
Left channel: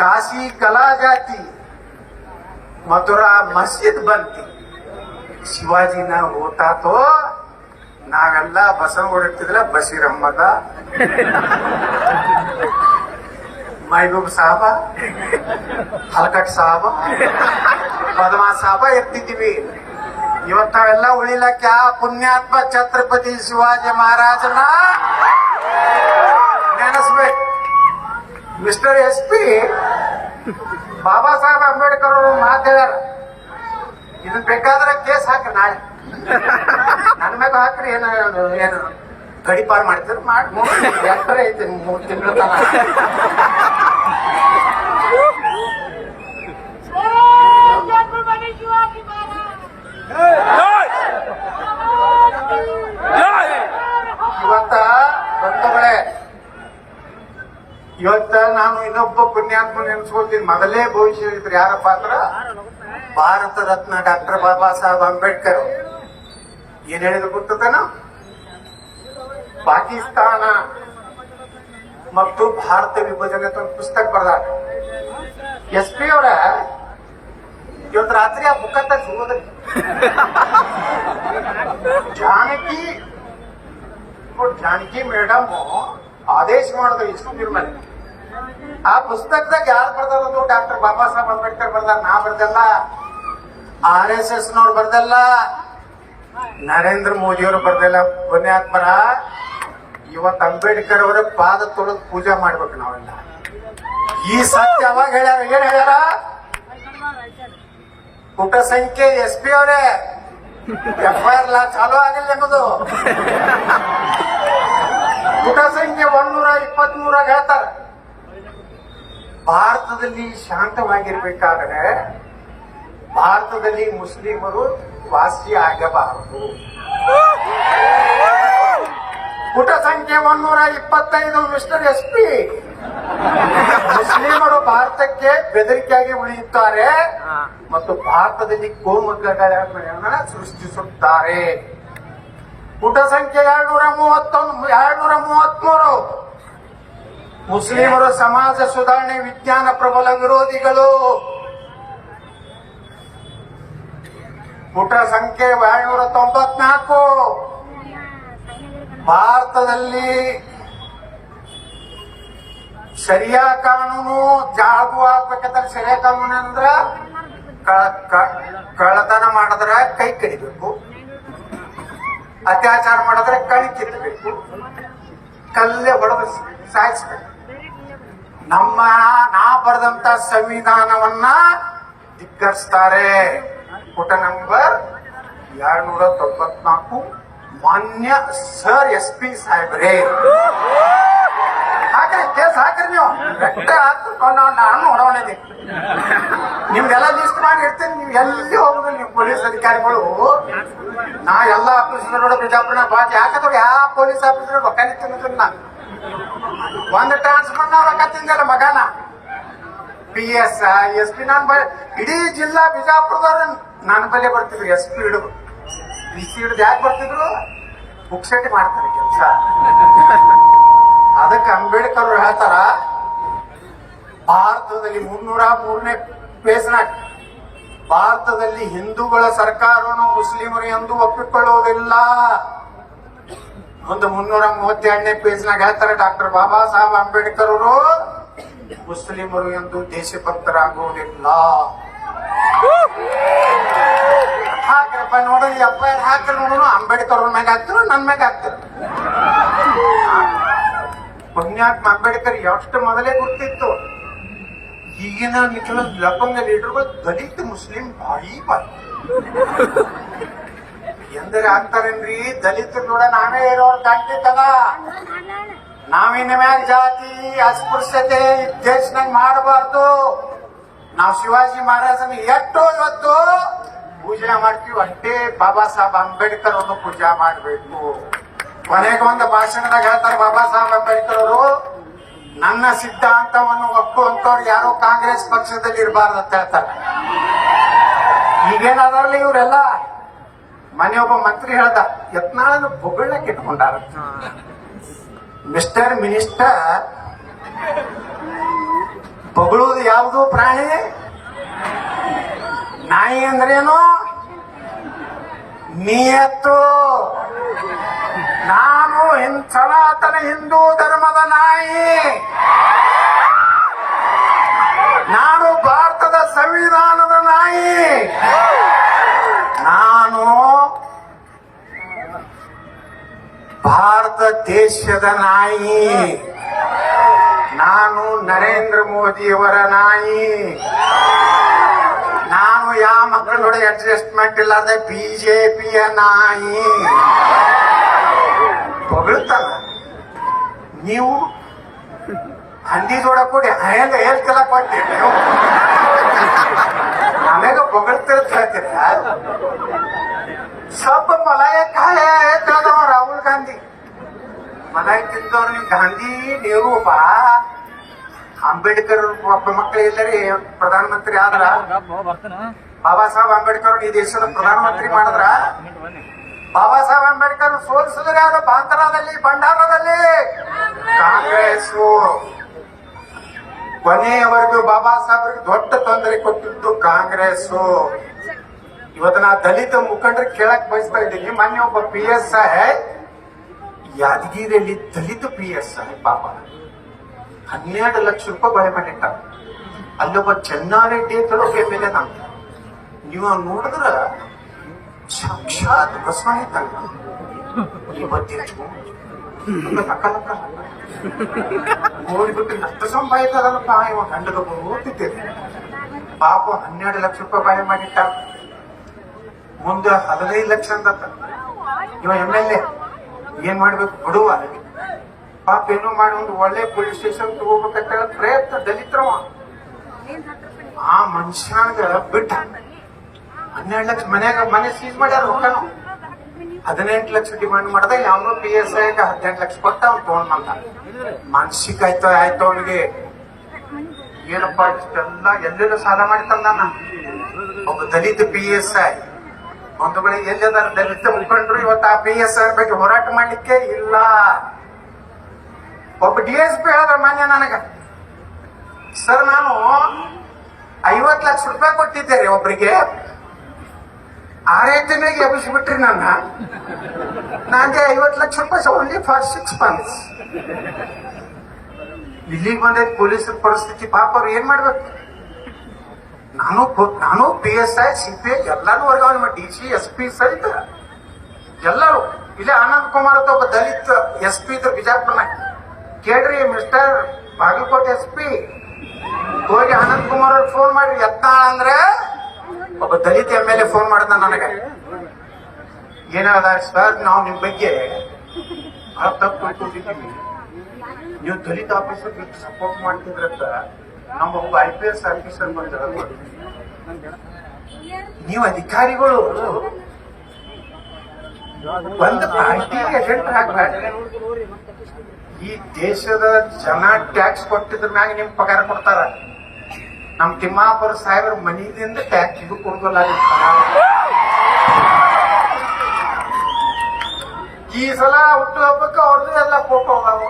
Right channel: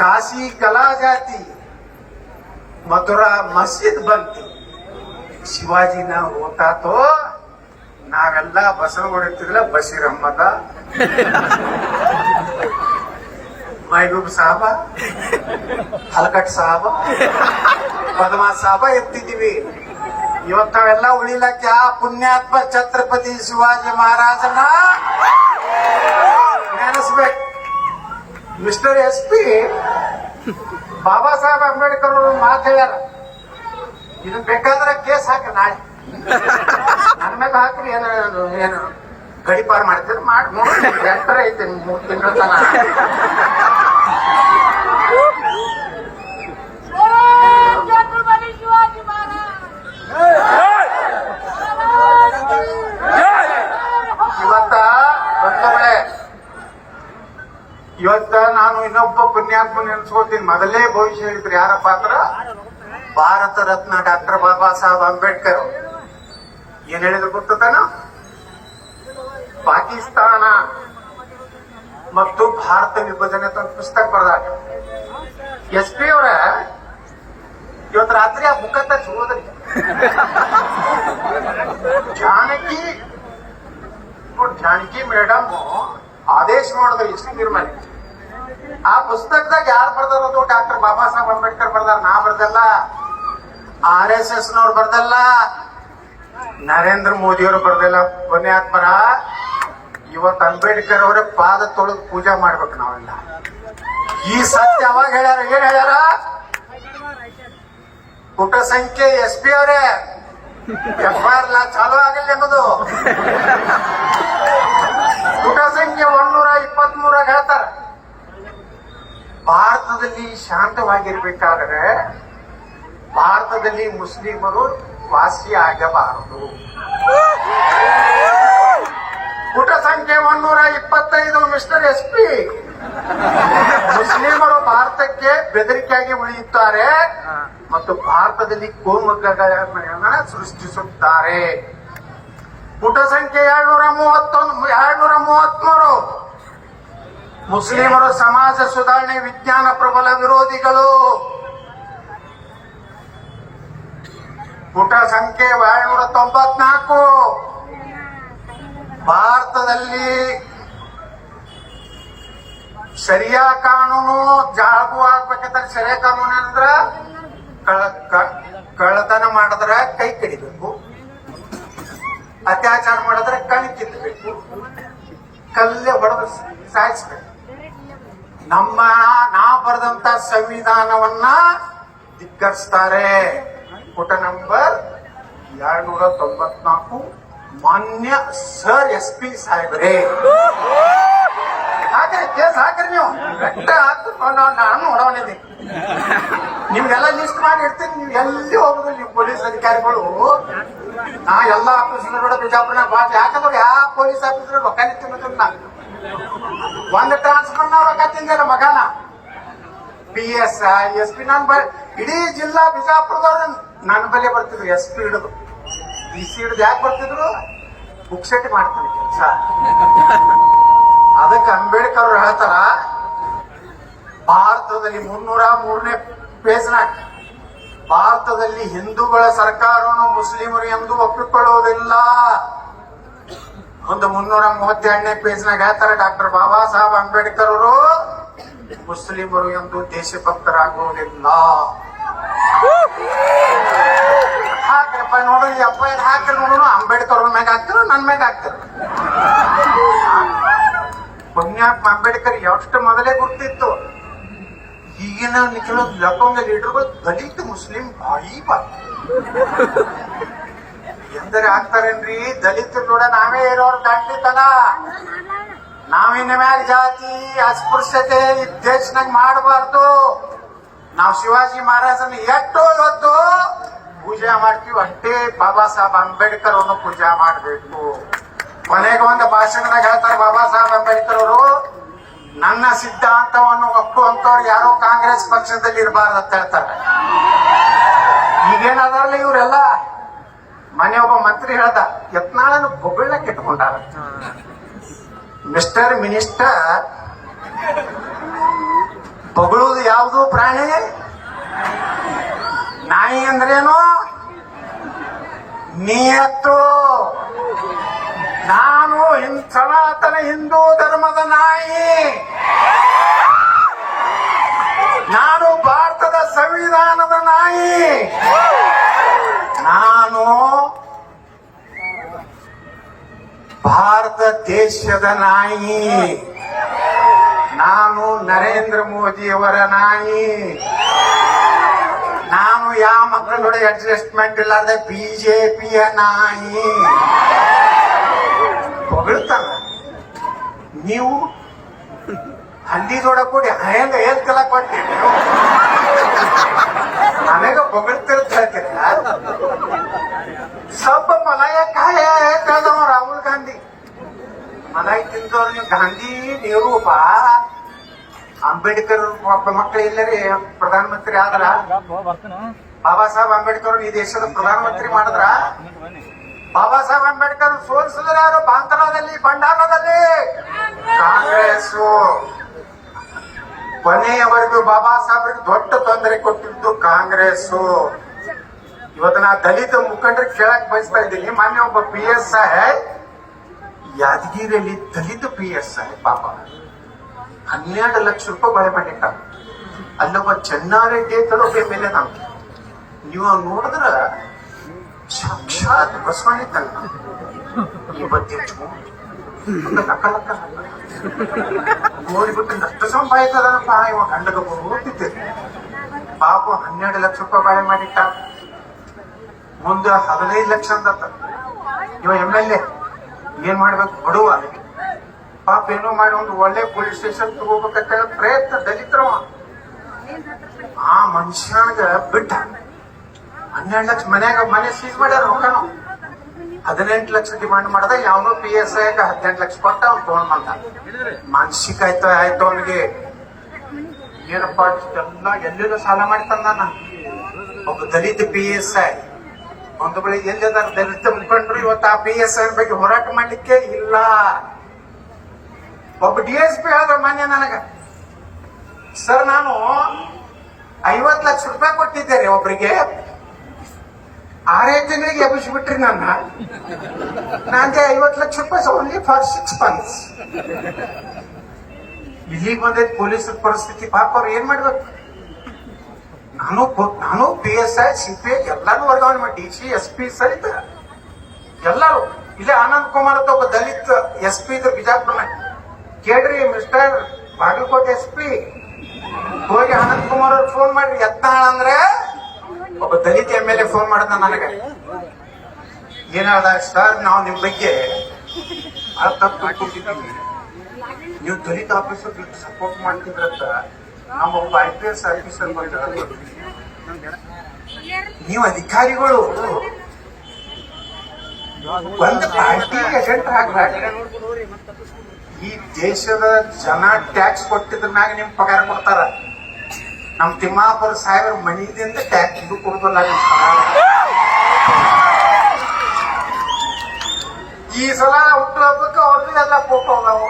काशी कला जाती, मथुरा मस्जिद बनती. ಶಿವಾಜಿ न होता तो ನಾವೆಲ್ಲ ಬಸವ ಹೊಡಿತಿದ್ರ ಬಸೀರಮ್ಮದ ಮೈಬೂಬ್ ಸಾಹಬ, ಹಲ್ಕಟ್ ಸಾಹಬ, ಪದ್ಮಾ ಸಾಹಬ ಎತ್ತಿದ್ವಿ. ಇವತ್ತು ನಾವೆಲ್ಲ ಉಳಿಲಕ್ಕೆ ಆ ಪುಣ್ಯಾತ್ಮ ಛತ್ರಪತಿ ಶಿವಾಜಿ ಮಹಾರಾಜನ ನೆನೆಸ್ಬೇಕು. ಮಿಸ್ಟರ್ SP ಬಾಬಾ ಸಾಹೇಬ್ ಅಂಬೇಡ್ಕರ್ ಅವರು ಮಾತು ಹೇಳ್ಯಾರ, ಇದನ್ ಬೇಕಾದ್ರೆ ಕೇಸ್ ಹಾಕಿ ನಾಳೆ ನನ್ ಮ್ಯಾಗ ಹಾಕ್ರಿ. ಏನು ಗಡಿಪಾರ್ ಮಾಡ್ತೀರ ಮಾಡಿ ಎತ್ತರ ಐತಿ 3 ತಿಂಗಳ ತನ. ಇವತ್ತ ನಾನು ಇನ್ನೊಬ್ಬ ಪುಣ್ಯಾತ್ಮ ನೆನೆಸ್ಕೋತೀನಿ. ಮೊದಲೇ ಭವಿಷ್ಯ ಹೇಳಿದ್ರು ಯಾರಪ್ಪ ಅಂದ್ರ ಭಾರತ ರತ್ನ ಡಾಕ್ಟರ್ ಬಾಬಾ ಸಾಹೇಬ್ ಅಂಬೇಡ್ಕರ್. ಏನ್ ಹೇಳಿದ್ರು ಗೊತ್ತೇನ? ಪಾಕಿಸ್ತಾನ ಮತ್ತು ಭಾರತ ವಿಭಜನೆ ಅಂತ ಒಂದು ಪುಸ್ತಕ ಬರೆದಾರ. SP ಅವರ ಇವತ್ತು ರಾತ್ರಿ ಆ ಬುಕ್ ಅಂತ ಹೋದ್ರಿ. ಜಾನಕಿ ಮೇಡಮ್ ಆದೇಶ ಮಾಡಿದ್ರು ಇಷ್ಟು ನಿರ್ಮಾಣ. ಆ ಪುಸ್ತಕದಾಗ ಯಾರು ಬರ್ದಾರೋದು? ಡಾಕ್ಟರ್ ಬಾಬಾ ಸಾಹೇಬ್ ಅಂಬೇಡ್ಕರ್ ಬರ್ದಾರ. ನಾ ಬರ್ದಲ್ಲ, RSS ನವ್ರು ಬರ್ದಲ್ಲ, ನರೇಂದ್ರ ಮೋದಿ ಅವರು ಬರ್ದಲ್ಲ. ಪುಣ್ಯಾತ್ಮರ ಇವತ್ತು ಅಂಬೇಡ್ಕರ್ ಅವರ ಪಾದ ತೊಳೆದು ಪೂಜೆ ಮಾಡ್ಬೇಕು ನಾವೆಲ್ಲ. ಈ ಸತ್ಯ ಯಾವಾಗ ಹೇಳ್ಯಾರ? ಏನ್ ಹೇಳ್ಯಾರ? ಪುಟ ಸಂಖ್ಯೆ SP ಅವರೇ FIR ಚಾಲೂ ಆಗಿಲ್ಲ ಎಂಬುದು ಪುಟ ಸಂಖ್ಯೆ 123 ಹೇಳ್ತಾರ. ಭಾರತದಲ್ಲಿ ಶಾಂತವಾಗಿರ್ಬೇಕಾದ್ರೆ ಭಾರತದಲ್ಲಿ ಮುಸ್ಲಿಮರು ವಾಸಿ ಆಗಬಾರದು. ಪುಟ ಸಂಖ್ಯೆ 125 ಮಿಸ್ಟರ್ SP ಮುಸ್ಲಿಮರು ಭಾರತಕ್ಕೆ ಬೆದರಿಕೆಯಾಗಿ ಉಳಿಯುತ್ತಾರೆ ಮತ್ತು ಭಾರತದಲ್ಲಿ ಕೋಮುಗಲಭೆಯನ್ನ ಸೃಷ್ಟಿಸುತ್ತಾರೆ. ಪುಟ ಸಂಖ್ಯೆ 233 ಮುಸ್ಲಿಮರು ಸಮಾಜ ಸುಧಾರಣೆ ವಿಜ್ಞಾನ ಪ್ರಬಲ ವಿರೋಧಿಗಳು. ಪುಟ ಸಂಖ್ಯೆ 294 ಭಾರತದಲ್ಲಿ ಶರಿಯಾ ಕಾನೂನು ಜಾಗು ಆಗ್ಬೇಕಂದ್ರೆ ಶರಿಯಾ ಕಾನೂನು ಅಂದ್ರ ಕಳ್ಳತನ ಮಾಡಿದ್ರ ಕೈ ಕಡಿಬೇಕು, ಅತ್ಯಾಚಾರ ಮಾಡಿದ್ರೆ ಕಣ್ ಕಿತ್ತಬೇಕು, ಕಲ್ಲೇ ಹೊಡೆದು ಸಾಯಿಸ್ಬೇಕು. ನಾ ಬರೆದಂತ ಸಂವಿಧಾನವನ್ನ ಧಿಕ್ಕರಿಸ್ತಾರೆ. ಪುಟ ನಂಬರ್ 294 ಮಾನ್ಯ ಸರ್ SP ಸಾಹೇಬ್ರೆ ಹಾಕ್ರಿ, ಕೇಸ್ ಹಾಕ್ರಿ. ನೀವು ನಾನು ನೋಡೋಣಿದ್ದೀನಿ. ನಿಮ್ಗೆಲ್ಲ ಲಿಸ್ಟ್ ಮಾಡಿ ಇಡ್ತೀನಿ. ನೀವು ಎಲ್ಲಿ ಹೋಗುದಿಲ್ಲ. ನೀವು ಪೊಲೀಸ್ ಅಧಿಕಾರಿಗಳು ನಾ ಎಲ್ಲ ಆಫೀಸರ್ ಬಿಜಾಪುರ ಯಾಕಂದ್ರೆ ಯಾವ ಪೊಲೀಸ್ ಆಫೀಸರ್ ರೊಕ್ಕ ತಿನ್ನೋದಿಲ್ಲ. ಒಂದು ಟ್ರಾನ್ಸ್ಫರ್ ರೊಕ್ಕ ತಿಂದಿಲ್ಲ ಮಗನ. PS SP ನಾನು ಇಡೀ ಜಿಲ್ಲಾ ಬಿಜಾಪುರದವ್ರು ನನ್ನ ಬಲೆ ಬರ್ತಿದ್ರು. SP ಹಿಡಿದು DC ಹಿಡಿದು ಯಾಕೆ ಬರ್ತಿದ್ರು? ಬುಕ್ಸೆಟ್ ಮಾಡ್ತಾರೆ ಕೆಲಸ. ಅದಕ್ಕೆ ಅಂಬೇಡ್ಕರ್ ಹೇಳ್ತಾರ, ಭಾರತದಲ್ಲಿ 303ನೇ ಪೇಜ್ನಾಗ ಭಾರತದಲ್ಲಿ ಹಿಂದೂಗಳ ಸರ್ಕಾರವನ್ನು ಮುಸ್ಲಿಮರು ಎಂದು ಒಪ್ಪಿಕೊಳ್ಳುವುದಿಲ್ಲ. ಒಂದು 332ನೇ ಪೇಜ್ನಾಗ ಹೇಳ್ತಾರೆ ಡಾಕ್ಟರ್ ಬಾಬಾ ಸಾಹೇಬ್ ಅಂಬೇಡ್ಕರ್ ಅವರು ಮುಸ್ಲಿಮರು ಎಂದು ದೇಶಭಕ್ತರಾಗುವುದಿಲ್ಲ. ಹಾಕ್ರಪ್ಪ ನೋಡು, FIR ಹಾಕಿ ನೋಡೋಣ. ಅಂಬೇಡ್ಕರ್ ಅವ್ರ ಮ್ಯಾಗ ಹಾಕ್ತಿರೋ ನನ್ ಮ್ಯಾಗ ಹಾಕ್ತಿರ? ಪುಣ್ಯಾತ್ಮ ಅಂಬೇಡ್ಕರ್ ಎಷ್ಟು ಮೊದಲೇ ಗೊತ್ತಿತ್ತು. ಈಗಿನ ಕೆಲವು ಲಪಂಗ ಲೀಡರ್ಗಳು ದಲಿತ ಮುಸ್ಲಿಂ ಬಾಯಿ ಬಾಯಿ ಎಂದರೆ ಆಗ್ತಾರೇನ್ರಿ? ದಲಿತರು ಕೂಡ ನಾವೇ ಇರೋರು ದಾಟಿತನ. ನಾವಿನ ಮ್ಯಾಗ ಜಾತಿ ಅಸ್ಪೃಶ್ಯತೆ ದೇಶನಾಗ ಮಾಡಬಾರ್ದು. ನಾವು ಶಿವಾಜಿ ಮಹಾರಾಜನ ಎಷ್ಟೋ ಹೊತ್ತು ಪೂಜೆ ಮಾಡ್ತೀವಿ, ಅಷ್ಟೇ ಬಾಬಾ ಸಾಹೇಬ್ ಅಂಬೇಡ್ಕರ್ ಅನ್ನು ಪೂಜೆ ಮಾಡಬೇಕು. ಕೊನೆಗೆ ಒಂದು ಭಾಷಣದಾಗ ಹೇಳ್ತಾರೆ ಬಾಬಾ ಸಾಹೇಬ್ ಅಂಬೇಡ್ಕರ್ ಅವರು, ನನ್ನ ಸಿದ್ಧಾಂತವನ್ನು ಒಪ್ಪುವಂತವ್ರು ಯಾರೋ ಕಾಂಗ್ರೆಸ್ ಪಕ್ಷದಲ್ಲಿ ಇರಬಾರ್ದು ಅಂತ ಹೇಳ್ತಾರೆ. ಈಗೇನಾದ್ರಲ್ಲ ಇವರೆಲ್ಲ ಮನೆ ಒಬ್ಬ ಮಂತ್ರಿ ಹೇಳ್ದ, ಯತ್ನಾಳನ್ನು ಬೊಗಳಕ್ಕೆ ಇಟ್ಕೊಂಡಾರ. ಮಿಸ್ಟರ್ ಮಿನಿಸ್ಟರ್, ಬೊಗಳುವುದು ಯಾವುದು ಪ್ರಾಣಿ? ನಾಯಿ ಅಂದ್ರೇನು? ನಿಯತ್ತು. ನಾನು ಸನಾತನ ಹಿಂದೂ ಧರ್ಮದ ನಾಯಿ. ನಾನು ಭಾರತದ ಸಂವಿಧಾನದ ನಾಯಿ. ನಾನು ಭಾರತ ದೇಶದ ನಾಯಿ. ನಾನು ನರೇಂದ್ರ ಮೋದಿಯವರ ನಾಯಿ. ನಾನು ಯಾವ ಮಕ್ಕಳೋட ಅಡ್ಜಸ್ಟ್ಮೆಂಟ್ ಇಲ್ಲದ ಬಿಜೆಪಿಯ ನಾಯಿ. ಹೊಗಳ್ತಾನ. ನೀವು ಹಂದಿ ಜೋಡ ಕೂಡಿ ಹೆಂಗ ಹೇಳ್ತಿಲ್ಲ ಕೊಡ್ತೀರಿ ನೀವು? ನನಗ ಹೊಗಳ್ತಿರ್ತ ಹೇಳ್ತೀರ. ಸ್ವಲ್ಪ ಮಲಾಯ ಕಾಯ ಹೇಳ್ತಾರ ರಾಹುಲ್ ಗಾಂಧಿ. ಮಲಾಯಿ ತಿಂದವ್ರು ನೀವು ಗಾಂಧಿ ನೆಹರು ಬಾ ಅಂಬೇಡ್ಕರ್ ಒಬ್ಬ ಮಕ್ಕಳು ಎಲ್ಲರಿ ಪ್ರಧಾನಮಂತ್ರಿ ಆದ್ರ ಬಾಬಾ ಸಾಹೇಬ್ ಅಂಬೇಡ್ಕರ್ ಈ ದೇಶದ ಪ್ರಧಾನಮಂತ್ರಿ ಮಾಡಿದ್ರ. ಬಾಬಾ ಸಾಹೇಬ್ ಅಂಬೇಡ್ಕರ್ ಸೋಲಿಸಿದ್ರೆ ಯಾರು? ಬಾಂತರಾದಲ್ಲಿ, ಭಂಡಾರದಲ್ಲಿ ಕಾಂಗ್ರೆಸ್. ಕೊನೆಯವರೆಗೂ ಬಾಬಾ ಸಾಹೇಬ್ರಿಗೆ ದೊಡ್ಡ ತೊಂದರೆ ಕೊಟ್ಟಿದ್ದು ಕಾಂಗ್ರೆಸ್. ಇವತ್ತು ನಾ ದಲಿತ ಮುಖಂಡರಿಗೆ ಕೇಳಕ್ ಬಯಸ್ತಾ ಇದ್ದೀನಿ. ಮೊನ್ನೆ ಒಬ್ಬ PSI ಯಾದಗಿರಿಯಲ್ಲಿ ದಲಿತ PSI ಪಾಪ 12 ಲಕ್ಷ ರೂಪಾಯಿ ಬಳೆ ಮಾಡಿಟ್ಟ. ಅಲ್ಲೊಬ್ಬ ಚೆನ್ನಾರೆಡ್ಡಿ ಅಂತಲೋ ಮೇಲೆ ನಾನು ನೀವು ನೋಡಿದ್ರ ಸಾಕ್ಷಾತ್ ಬಸವಣ್ಣ ತಂಗ ಈ ಬಗ್ಗೆ ಲಕ್ಕ ಲಕ್ಕ ಓಡಿಬಿಟ್ಟು ನಷ್ಟ ಸಂಪಾದಿತದನಪ್ಪ. ಇವ ಗಂಡಗ ಓದ್ತಿದ್ದೇನೆ ಪಾಪ 12 ಲಕ್ಷ ರೂಪಾಯಿ ಬಾಳೆ ಮಾಡಿಟ್ಟ. ಮುಂದೆ 15 ಲಕ್ಷ ಅಂತ ಇವ MLA ಏನ್ ಮಾಡ್ಬೇಕು? ಬಡುವ ಪಾಪ ಏನೋ ಮಾಡಿ ಒಂದು ಒಳ್ಳೆ ಪೊಲೀಸ್ ಸ್ಟೇಷನ್ ತಗೋಬೇಕಂತ ಪ್ರಯತ್ನ ದಲಿತರವ. ಆ ಮನುಷ್ಯನಾಗ ಬಿಟ್ಟ 12 ಲಕ್ಷ ಮನೆ ಸೀಸ್ ಮಾಡ್ಯಾರ. ರೊಕ್ಕನು 18 ಲಕ್ಷ ಡಿಮಾಂಡ್ ಮಾಡಿದ. ಯಾವನೋ PSI 18 ಲಕ್ಷ ಕೊಟ್ಟ ಅವ್ನು ತಗೊಂಡ್ ಬಂದ. ಮಾನಸಿಕ ಆಯ್ತು ಅವನಿಗೆ. ಏನಪ್ಪ ಇಷ್ಟೆಲ್ಲ ಎಲ್ಲೆಲ್ಲೂ ಸಾಲ ಮಾಡ್ತಂದ. ಒಬ್ಬ ದಲಿತ PSI ಒಂದು ಬಳಿ ಎಲ್ಲದ ದಲಿತ ಮುಖಂಡರು ಇವತ್ತು ಆ PSI ಬಗ್ಗೆ ಹೋರಾಟ ಮಾಡ್ಲಿಕ್ಕೆ ಇಲ್ಲ. ಒಬ್ಬ DSP ಹೇಳಿದ್ರ ಮಾನ್ಯ ನನಗ, ಸರ್ ನಾನು 50 ಲಕ್ಷ ರೂಪಾಯಿ ಕೊಟ್ಟಿದ್ದೇನೆ ಒಬ್ರಿಗೆ, 6 ತಿಂಗಳಿಗೆ ಎಬ್ಬಿಸ್ಬಿಟ್ರಿ ನನ್ನ. ನನಗೆ 50 ಲಕ್ಷ ರೂಪಾಯಿ ಓನ್ಲಿ ಫಾರ್ 6 ಮಂತ್ಸ್. ಇಲ್ಲಿಗೆ ಬಂದೈತಿ ಪೊಲೀಸರ ಪರಿಸ್ಥಿತಿ. ಪಾಪ ಅವ್ರು ಏನ್ ಮಾಡ್ಬೇಕು? ನಾನು PSI CPI ಎಲ್ಲಾರು ವರ್ಗಾವಣೆ ಮಾಡಿ DC SP ಸಹಿತ ಎಲ್ಲರೂ. ಇಲ್ಲಿ ಆನಂದ್ ಕುಮಾರ್ ಅಂತ ಒಬ್ಬ ದಲಿತ SP ಇದ್ರು ಬಿಜಾಪುರ. ಕೇಳ್ರಿ ಮಿಸ್ಟರ್ ಬಾಗಲಕೋಟೆ SP ಹೋಗಿ ಆನಂದ್ ಕುಮಾರ್ ಅವ್ರಿಗೆ ಫೋನ್ ಮಾಡ್ರಿ. ಯತ್ನಾಳ ಅಂದ್ರೆ ಒಬ್ಬ ದಲಿತ MLA ಫೋನ್ ಮಾಡಿದ ನನಗೆ. ಏನ್ ಹೇಳ್ದ? ಸರ್ ನಾವು ನಿಮ್ ಬಗ್ಗೆ ಬಹಳ ತಪ್ಪು ತಿಳ್ಕೊಂಡಿದ್ದೀವಿ. ನೀವು ದಲಿತ ಆಫೀಸರ್ ಸಪೋರ್ಟ್ ಮಾಡ್ತಿದ್ರಂತ ನಾವು ಒಬ್ಬ IPS ಆಫೀಸರ್ ನೀವು ಅಧಿಕಾರಿಗಳು ಒಂದು ಏಜೆಂಟ್ ಈ ದೇಶದ ಜನ ಟ್ಯಾಕ್ಸ್ ಕೊಟ್ಟಿದ್ರ ಮ್ಯಾಗ ನಿಮ್ ಪಗಾರ ಕೊಡ್ತಾರ. ನಮ್ ತಿಮ್ಮಾಪುರ ಸಾಹೇಬ್ರ ಮನಿದಿಂದ ಟ್ಯಾಕ್ಸ್ ಇದು ಕೊಡೋದಲ್ಲ. ಈ ಸಲ ಹುಟ್ಟುಹಬ್ಬಕ್ಕೆ ಅವ್ರದ್ದು ಎಲ್ಲ ಫೋಟೋ ಅದಾವ.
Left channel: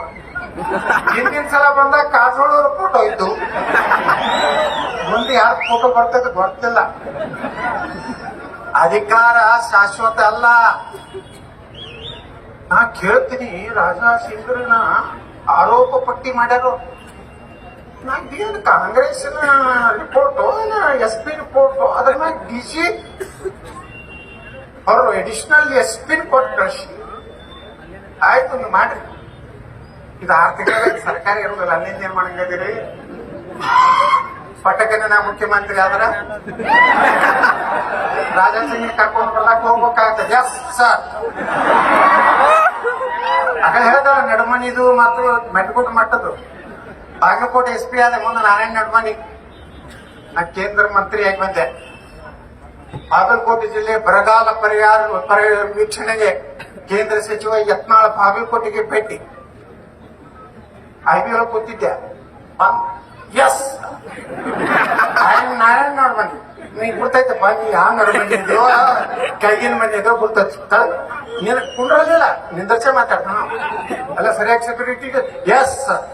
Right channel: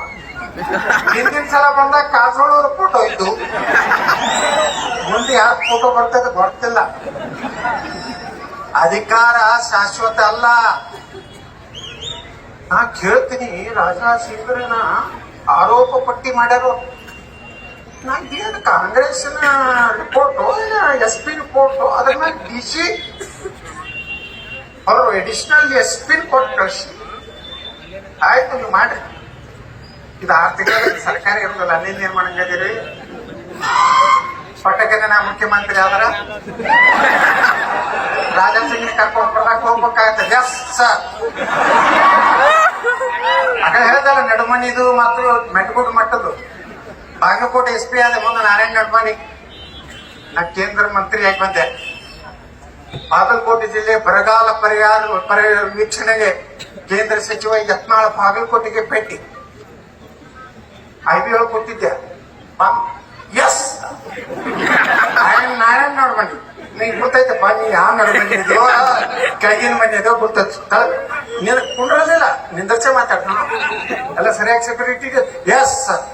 ಹಿಂದಿನ ಸಲ ಬಂದಾಗ ಕಾಸೋಳವ್ರ ಫೋಟೋ ಇತ್ತು, ಮುಂದೆ ಯಾರ ಫೋಟೋ ಬರ್ತದೆ ಗೊತ್ತಿಲ್ಲ. ಅಧಿಕಾರ ಶಾಶ್ವತ ಅಲ್ಲ. ನಾ ಕೇಳ್ತೀನಿ, ರಾಜಾ ಸಿಂಗ್ರನ ಆರೋಪ ಪಟ್ಟಿ ಮಾಡ್ಯಾರು. ಏನು ಕಾಂಗ್ರೆಸ್ನ ರಿಪೋರ್ಟು SP ರಿಪೋರ್ಟು, ಅದ್ರ ಮೇಲೆ DC ಅವರು ಅಡಿಷನಲ್ SP ಕೊಟ್ಟು ಕಳಿಸಿ. ಆಯ್ತು, ನೀವು ಮಾಡ್ರಿ. ಇದು 6 ತಿಂಗಳ ಸರ್ಕಾರ ಇರೋದಿಲ್ಲ, ಅಲ್ಲಿಂದ ಏನ್ ಮಾಡಂಗದಿರಿ? ಪಟಕನೆ ನಾ ಮುಖ್ಯಮಂತ್ರಿ ಆದ್ರ ರಾಜಾ ಸಿಂಗ್ ಕರ್ಕೊಂಡು ಬರ್ಲಾಕ್ ಹೋಗ್ಬೇಕಾಗತ್ತೆ. ಎಸ್ ಸರ್, ಆಗ ಹೇಳ್ದಲ್ಲ, ನಡುಮನಿದು ಮತ್ತು ಮೆಟ್ಗುಡ್ ಮಟ್ಟದ್ದು ಬಾಗಲಕೋಟೆ SP ಆದ ಮುಂದೆ ನಾರಾಯಣ ನಡ್ಮನಿ ನಾ ಕೇಂದ್ರ ಮಂತ್ರಿ ಆಗಿ ಬಂದೆ. ಬಾಗಲಕೋಟೆ ಜಿಲ್ಲೆ ಬರಗಾಲ ಪರಿಹಾರ ವೀಕ್ಷಣೆಗೆ ಕೇಂದ್ರ ಸಚಿವ ಯತ್ನಾಳ್ ಬಾಗಲಕೋಟೆಗೆ ಭೇಟಿ. IB ಒಳಗೆ ಕೊಟ್ಟಿದ್ದೆ. ಎಸ್, ನಾರಾಯಣ ನಡ್ಮನಿ ನೀನ್ ಗೊತ್ತೈತೆ ಬಾ, ನೀ ಯಾವ ನಡ್ಮನಿ ದೇವ ಕೆಳಗಿನ ಮನೆ ಅದ ಗೊತ್ತ, ನೀನ್ ಕುಂಡ್ರದಿಲ್ಲ, ನಿಂದರ್ಸೆ ಮಾತಾಡ ಎಲ್ಲ ಸರಿಯಾಗಿ ಸೆಕ್ಯೂರಿಟಿಗೆ. Yes sir,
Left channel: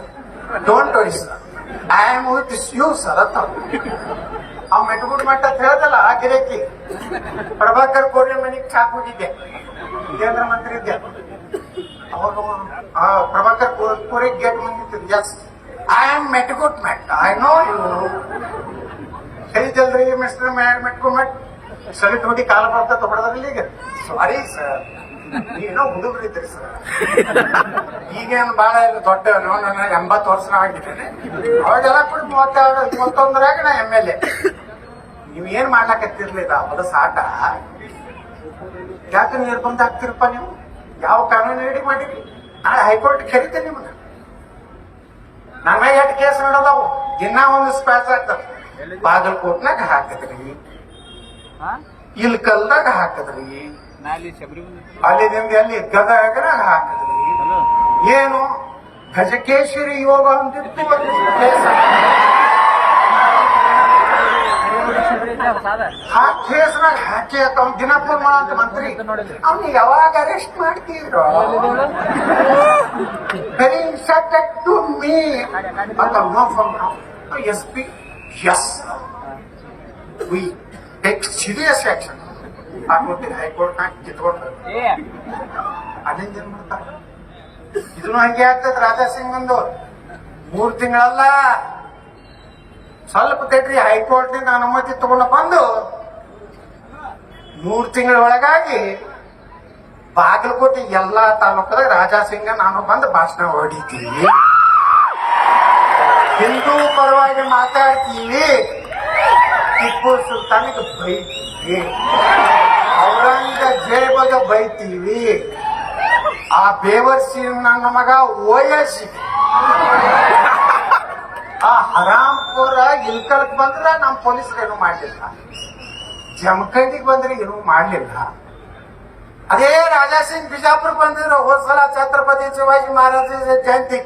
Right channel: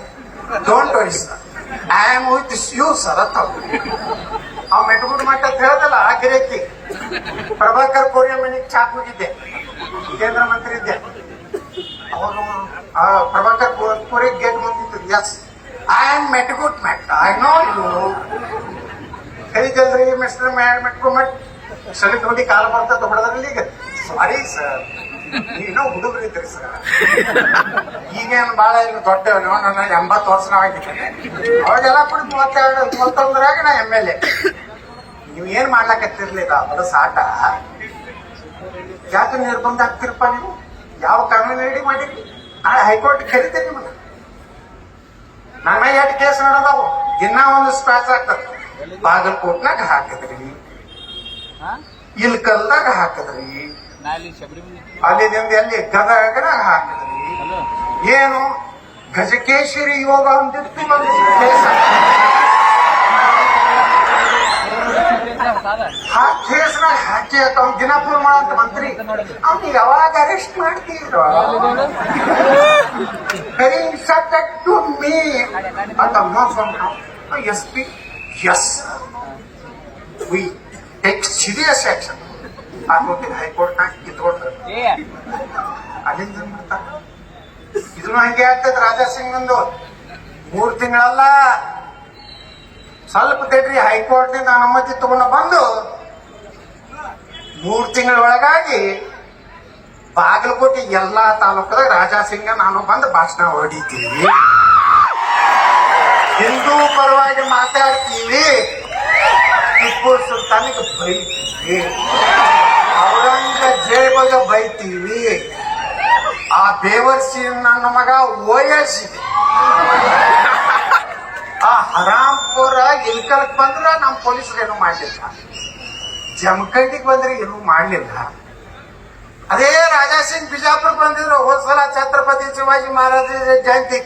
don't worry sir, I am with you sir ಅಂತ. ಆ ಮೆಟ್ಗುಡ್ ಮಟ್ಟ ಅಂತ ಹೇಳ್ದಲ್ಲ, ಆ ಗಿರೇಕಿ ಪ್ರಭಾಕರ್ ಕೋರೆ ಮನೆಗೆ ಚಾಕ್ ಹೋಗಿದ್ದೆ, ಕೇಂದ್ರ ಮಂತ್ರಿ ಇದ್ದೆ ಅವಾಗ. ಪ್ರಭಾಕರ್ ಕೋರೆ ಗೇಟ್ ಬಂದಿತ್ತು. ಎಸ್, ಐ ಆಮ್ ಮೆಟ್ಗುಡ್ ಮಟ್, ಐ ನೋ ಯು. ಕರೀತಲ್ರಿ ಮಿಸ್ಟರ್ ಮೆಟ್ಗುಡ್ ಮಟ್, ಸೆಲೆಕ್ಟ್ ಹೋಗಿ ಕಾಲ್ ಬರ್ತದೆ ಹೊಡೆದ್ರಲ್ಲಿ. ಈಗ ಸಾರಿ ಸರ್, ನೀವೇನೋ ಹುಡುಗರು ಇದ್ರಿ ಸರ್, ಈಗೇನು ಬಾಳ ದೊಡ್ಡ 80 ವರ್ಷ ಆಗಿದ್ದೇನೆ. ಅವಾಗೆಲ್ಲ ಕೂಡ 31ರಾಗ ನಾ MLA. ನೀವೇನ್ ಮಾಡ್ಲಾಕತ್ತಿರ್ಲಿಲ್ಲ, ಅದು ಸಾಟ. ಯಾಕೆ ನಿರ್ಬಂಧ ಆಗ್ತಿರಪ್ಪ ನೀವು? ಯಾವ ಕಾನೂನು ರೆಡಿ ಮಾಡಿರಿ? ನಾಳೆ ಹೈಕೋರ್ಟ್ ಕರಿತೇನೆ ನಿಮ್ಮನ್ನ. ನನ್ನ 8 ಕೇಸ್ ನೋಡೋದಾವು, ದಿನ ಒಂದು ಸ್ಪ್ಯಾಚ್ ಆಗ್ತದೆ. ಬಾಗಲಕೋಟ್ನಾಗ ಹಾಕಿದ್ರಿ, ಇಲ್ಕಲ್ದಾಗ ಹಾಕಿದ್ರಿ, ಅಲ್ಲಿ ನಿಮ್ದು ಎಲ್ಲಿ ಗದಗನಾಗ ಹಾಕಿದ್ರಿ. ಏನು ಗಜಕೇಶ್ವರಿ ಯೋಗ ಅಂತಿತ್ತು ಒಂದು ಕೇಸ್. ಆ ಕೇಸ್ನಾಗ ಹಾಕಿ ಅವ್ನು ದಿನಪುರ ಮಾಡಂತ ಮಂತ್ರಿ, ಅವ್ನು ಯಾವಾಗ ಅರೆಸ್ಟ್ ಮಾಡ್ತೀವ್ರ? Subject to me SP. Yes, we take serious action. ಹಾಕೋತಿಲ್ಲ ಹೈಕೋರ್ಟ್ನಾಗ ಕಿತ್ಕೊಂಡು ಅಲ್ಲಿಂದ ಏನ್ ಮಾಡ್ತಾರ? ಇದನ್ನು ಹಂಗೆ ಆಗ್ತದೆ. ರಾಜಾ ಸಿಂಗ್ ಒಂದು 3 ತಿಂಗಳಲ್ಲ, ಸ್ವಲ್ಪ ತಡ್ರಿ, ಹೈಕೋರ್ಟ್ನಿಂದ ಅನುಮತಿ ತಗೊಂಡು ಬಂದು 3 ತಿಂಗಳ ಒಳಗಾಗಿ ಬಾಗಲಕೋಟೆ ಎಲ್ಲಾ ತಾಲೂಕದಾಗ ರಾಜಾ ಸಿಂಗ್ ನಾನು ಬಂದು ಭಾಷಣ ಹೊಡಿತೀವಿ, ಹಿಂದೂ ಪರವಾಗಿ ಮಾತಾಡ್ತೀವಿ, ಟಿಪ್ಪು ಸುಲ್ತಾನಿಗೆ ಬೈತೀವಿ, ಔರಂಗಜೇಬಗ ಬೈತೀವಿ, ಆ ಬೇವರ್ಸಿ ನನ್ನ ಮಗ ಓಯಸಿದೆ, ಆ ಹರಾಂಪುರ ಇಲ್ಕಲ್ಕ್ ಬಂದ್ರ ನಮ್ ಪೊಲೀಸರು ಏನು ಮಾಡ್ಲಿಲ್ಲ, ಜಮಖಂಡಿಗೆ ಬಂದ್ರೆ ಏನು ಮಾಡ್ಲಿಲ್ಲ. ಅದೇ ರಾಜಾ ಸಿಂಗ್ ಬಿಜಾಪುರ ಬಂದಿದ್ರು ಹೋದ್ ಸಲ ಛತ್ರಪತಿ ಶಿವಾಜಿ ಮಹಾರಾಜ ಜಯಂತಿ.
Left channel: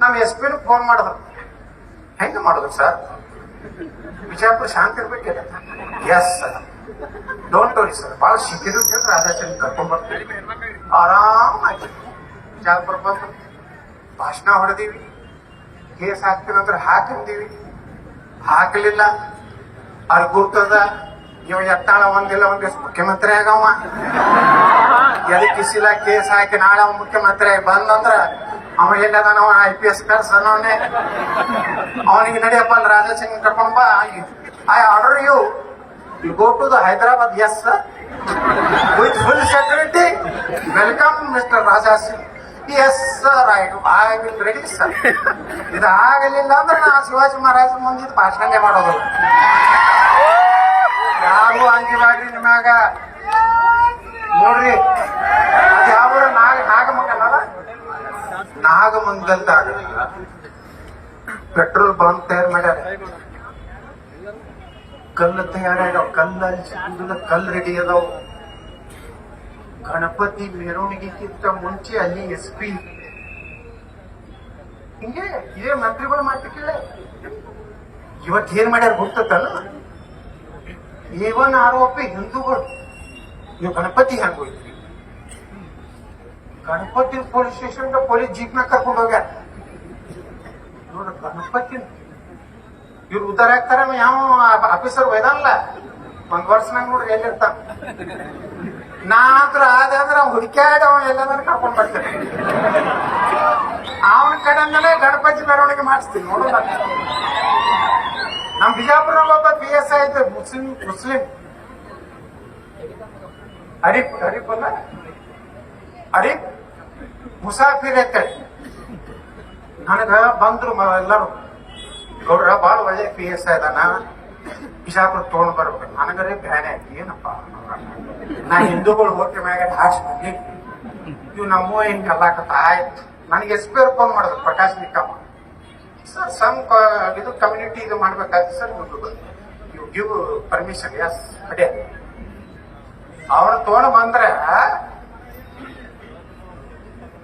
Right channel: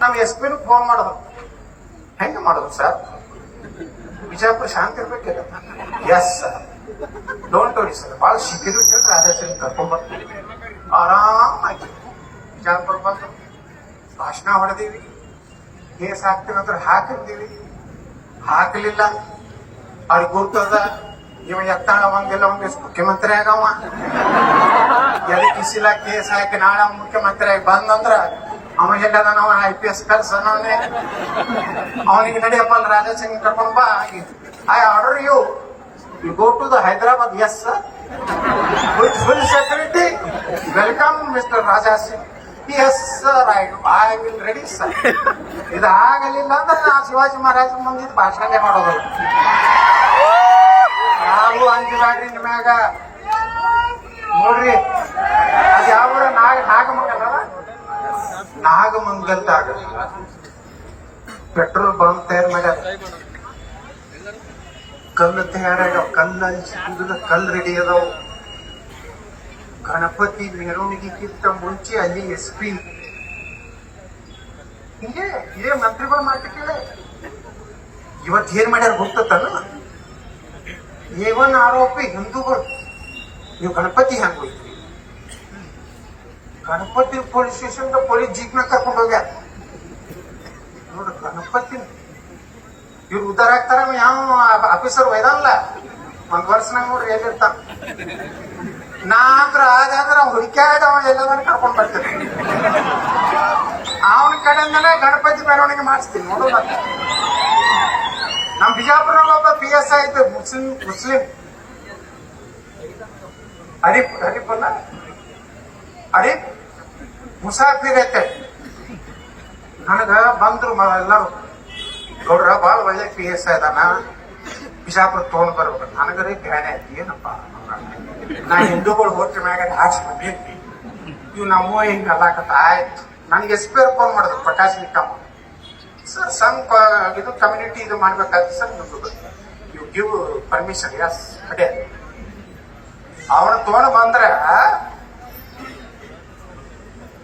ನಮ್ SP ಫೋನ್ ಮಾಡಿದ್ರು, ಹೆಂಗ ಮಾಡಿದ್ರು ಸರ್, ಬಿಜಾಪುರ ಶಾಂತಿ ಇರ್ಬೇಕಿಲ್ಲ? Yes sir, don't worry sir, ಬಹಳ ಶಿಬಿರ ರಾಜಾ ಸಿಂಗ್ ಕರ್ಕೊಂಡ್ಬರ್ತೀವಿ, ಆರಾಮಾಗಿ ಬಿಜಾಪುರ ಬಂದು ಭಾಷಣ ಹೊಡೆದೀವಿ, ಕೇಸ್ ಹಾಕ್ತಿರೋದ್ರ ಹಾಕಿದ್ದೀವಿ. ಹಾಕಲಿಲ್ಲ, ಅಲ್ಲಿ ಗೊತ್ತದ ಇವ ಎತ್ತಾಳ ಒಂದಿಲ್ಲ ಒಂದಿಷ್ಟು ಮುಖ್ಯಮಂತ್ರಿ ಆಗವ. ಎದಕ್ಕಿಸಿಲ್ಲ ಕೇಸ್ ಹಾಕಿ ನಾಳೆ ಮುಖ್ಯಮಂತ್ರಿ ಆಗಿ ಬಂದಂದ್ರ ಅವ ಎಲ್ಲದ IPS ಕರ್ಸನವನೇ, ಅವನಿಗೆ ನಡಿಯಪ್ಪ ಅಲ್ಲಿ ರಾಜಾ ಸಿಂಗ್ ಕರ್ಕೊಂಡ್ ಬಾ. I order you go to the Hyderabad. Yes sir, with full security. Welcome mister Raja Singh. Yes sir, I will ready sir. ಇದಾಗಲಿಲ್ಲ ಅಂದ್ರೆ ನಾ ಶಿವಾಜಿ ಮಹಾರಾಜ ಮುಂದಿದ್ದು ಭಾಷಣನೇ ಮಾಡೋದಿಲ್ಲ. ಯಾರು ಅಂಜಿಬಾಡ್ರಿ ನಿಮ್ಮಾಗ. ನೋಡ್ರಿ, ಅದು ಯಾವ ನಾಗಮಂಗಲ, ನಾಗಮಂಗಲ್ದಾಗ ಪೆಟ್ರೋಲ್ ಬಂಕ್ ತಯಾರು ಮಾಡ್ಯಾರ. ಕಲ್ಲು ತಯಾರಾಗ್ಯಾವ, ಕಲ್ಲು ರೆಡಿ ಅದಾವ. ಗಣಪತಿ ಮೆರವಣಿಗೆಗಿಂತ ಮುಂಚೆ ಅಲ್ಲಿ SP ಹಿಂಗೆ ಇದೇ ಮಂತ್ರಿಗಳು ಮಾತಿಲ್ಲ. ಇವತ್ತು ಏನ್ ಮಾಡ್ಯಾರ ಗೊತ್ತಲ್ಲ? A1 ಆರೋಪಿ ಹಿಂದೂಗಳು, ನೀವು ಗಣಪತಿ ಹೆಂಗ್ ಹೋಯ್ತ್ರಿ? ಗಣಪತಿ ಪೊಲೀಸ್ ಸ್ಟೇಷನ್ ಪೊಲೀಸ್ ಜೀಪ್ನ ಕರ್ಕೊಂಡು ಹೋಗ್ಯಾರ. ನೋಡ್ರಿ ಗಣಪತಿ ಇವ್ರು ಉದ್ದಾರ ಆಗ್ತಾರ, ಯಾವ ಆಫೀಸರ್ ಒಯ್ದಲ್ಲ ಒಂದ್ ವರ್ಷನಾಗ ನೋಡ್ರಿ ಎಲ್ಲಿರ್ತಾನ. ನಾ ಅಂದ್ರ ಆದ್ರೆ ಹುಡುಕ್ಯಾಡಿ ಅವ ಎಲ್ಲಾದ್ರೂ ಕರ್ಕೊಂಡ್ ಬರ್ತೀನಿ. ಅವನ ಕಡೆಯಿಂದಲೇ ಗಣಪತಿ ಮೆರವಣಿಗೆ ಮಾಡಿಸ್ತೀನಿ ನೋಡು. ನಮ್ ಬಿಜಾಪುರಲ್ಲಿ ಒಬ್ಬ PSI ಇದ್ದ ಮುಸ್ಲಿಂ ಅರೀಫ್ ಅಲ್ಲ ಅರೀಫ್ ಮುಸಾಫಿರ್ ಐತೆ. ನನಗ ಬಂದ್ರು ಎಲ್ಲರೂ ಗೌಡ್ರ ಬಾಳ ಒಳ್ಳೆ PSI ಅದಾನ, ಬಿಜಾಪುರ ತಗೊಂಡ್ ಬರ್ಬೇಕು. ನನಗರೇ ಬ್ಯಾನೆ ಆಯ್ತು, ಏನಪ್ಪ ನಾ ಹಿಂದೂಗಳು ಹೋಗ್ತಿ ಮ್ಯಾಗ ಹಾಸ್ ಬಂದಿದ್ವಿ, ಇವ್ ನಮ್ಮ ಹಿಂಗ ಅಲ್ಲಾಕತ್ತ. ಆಯ್ತು, ನನಗೆ SP ಫೋನ್ ಮಾಡಿದ್ರು, ಪ್ರಕಾಶ್ ನಿಕ್ಕಮ್ಮ ಸರ್, ಸಮ್ ಇದು ಕಮ್ಯುನಿಟಿ ಇದು ಮಾಡ್ಬೇಕಾಯ್ತು sir, you give permission. Yes ಅದೇ ಅವ್ರ ತಗೊಂಡ್ ಬಂದ್ರ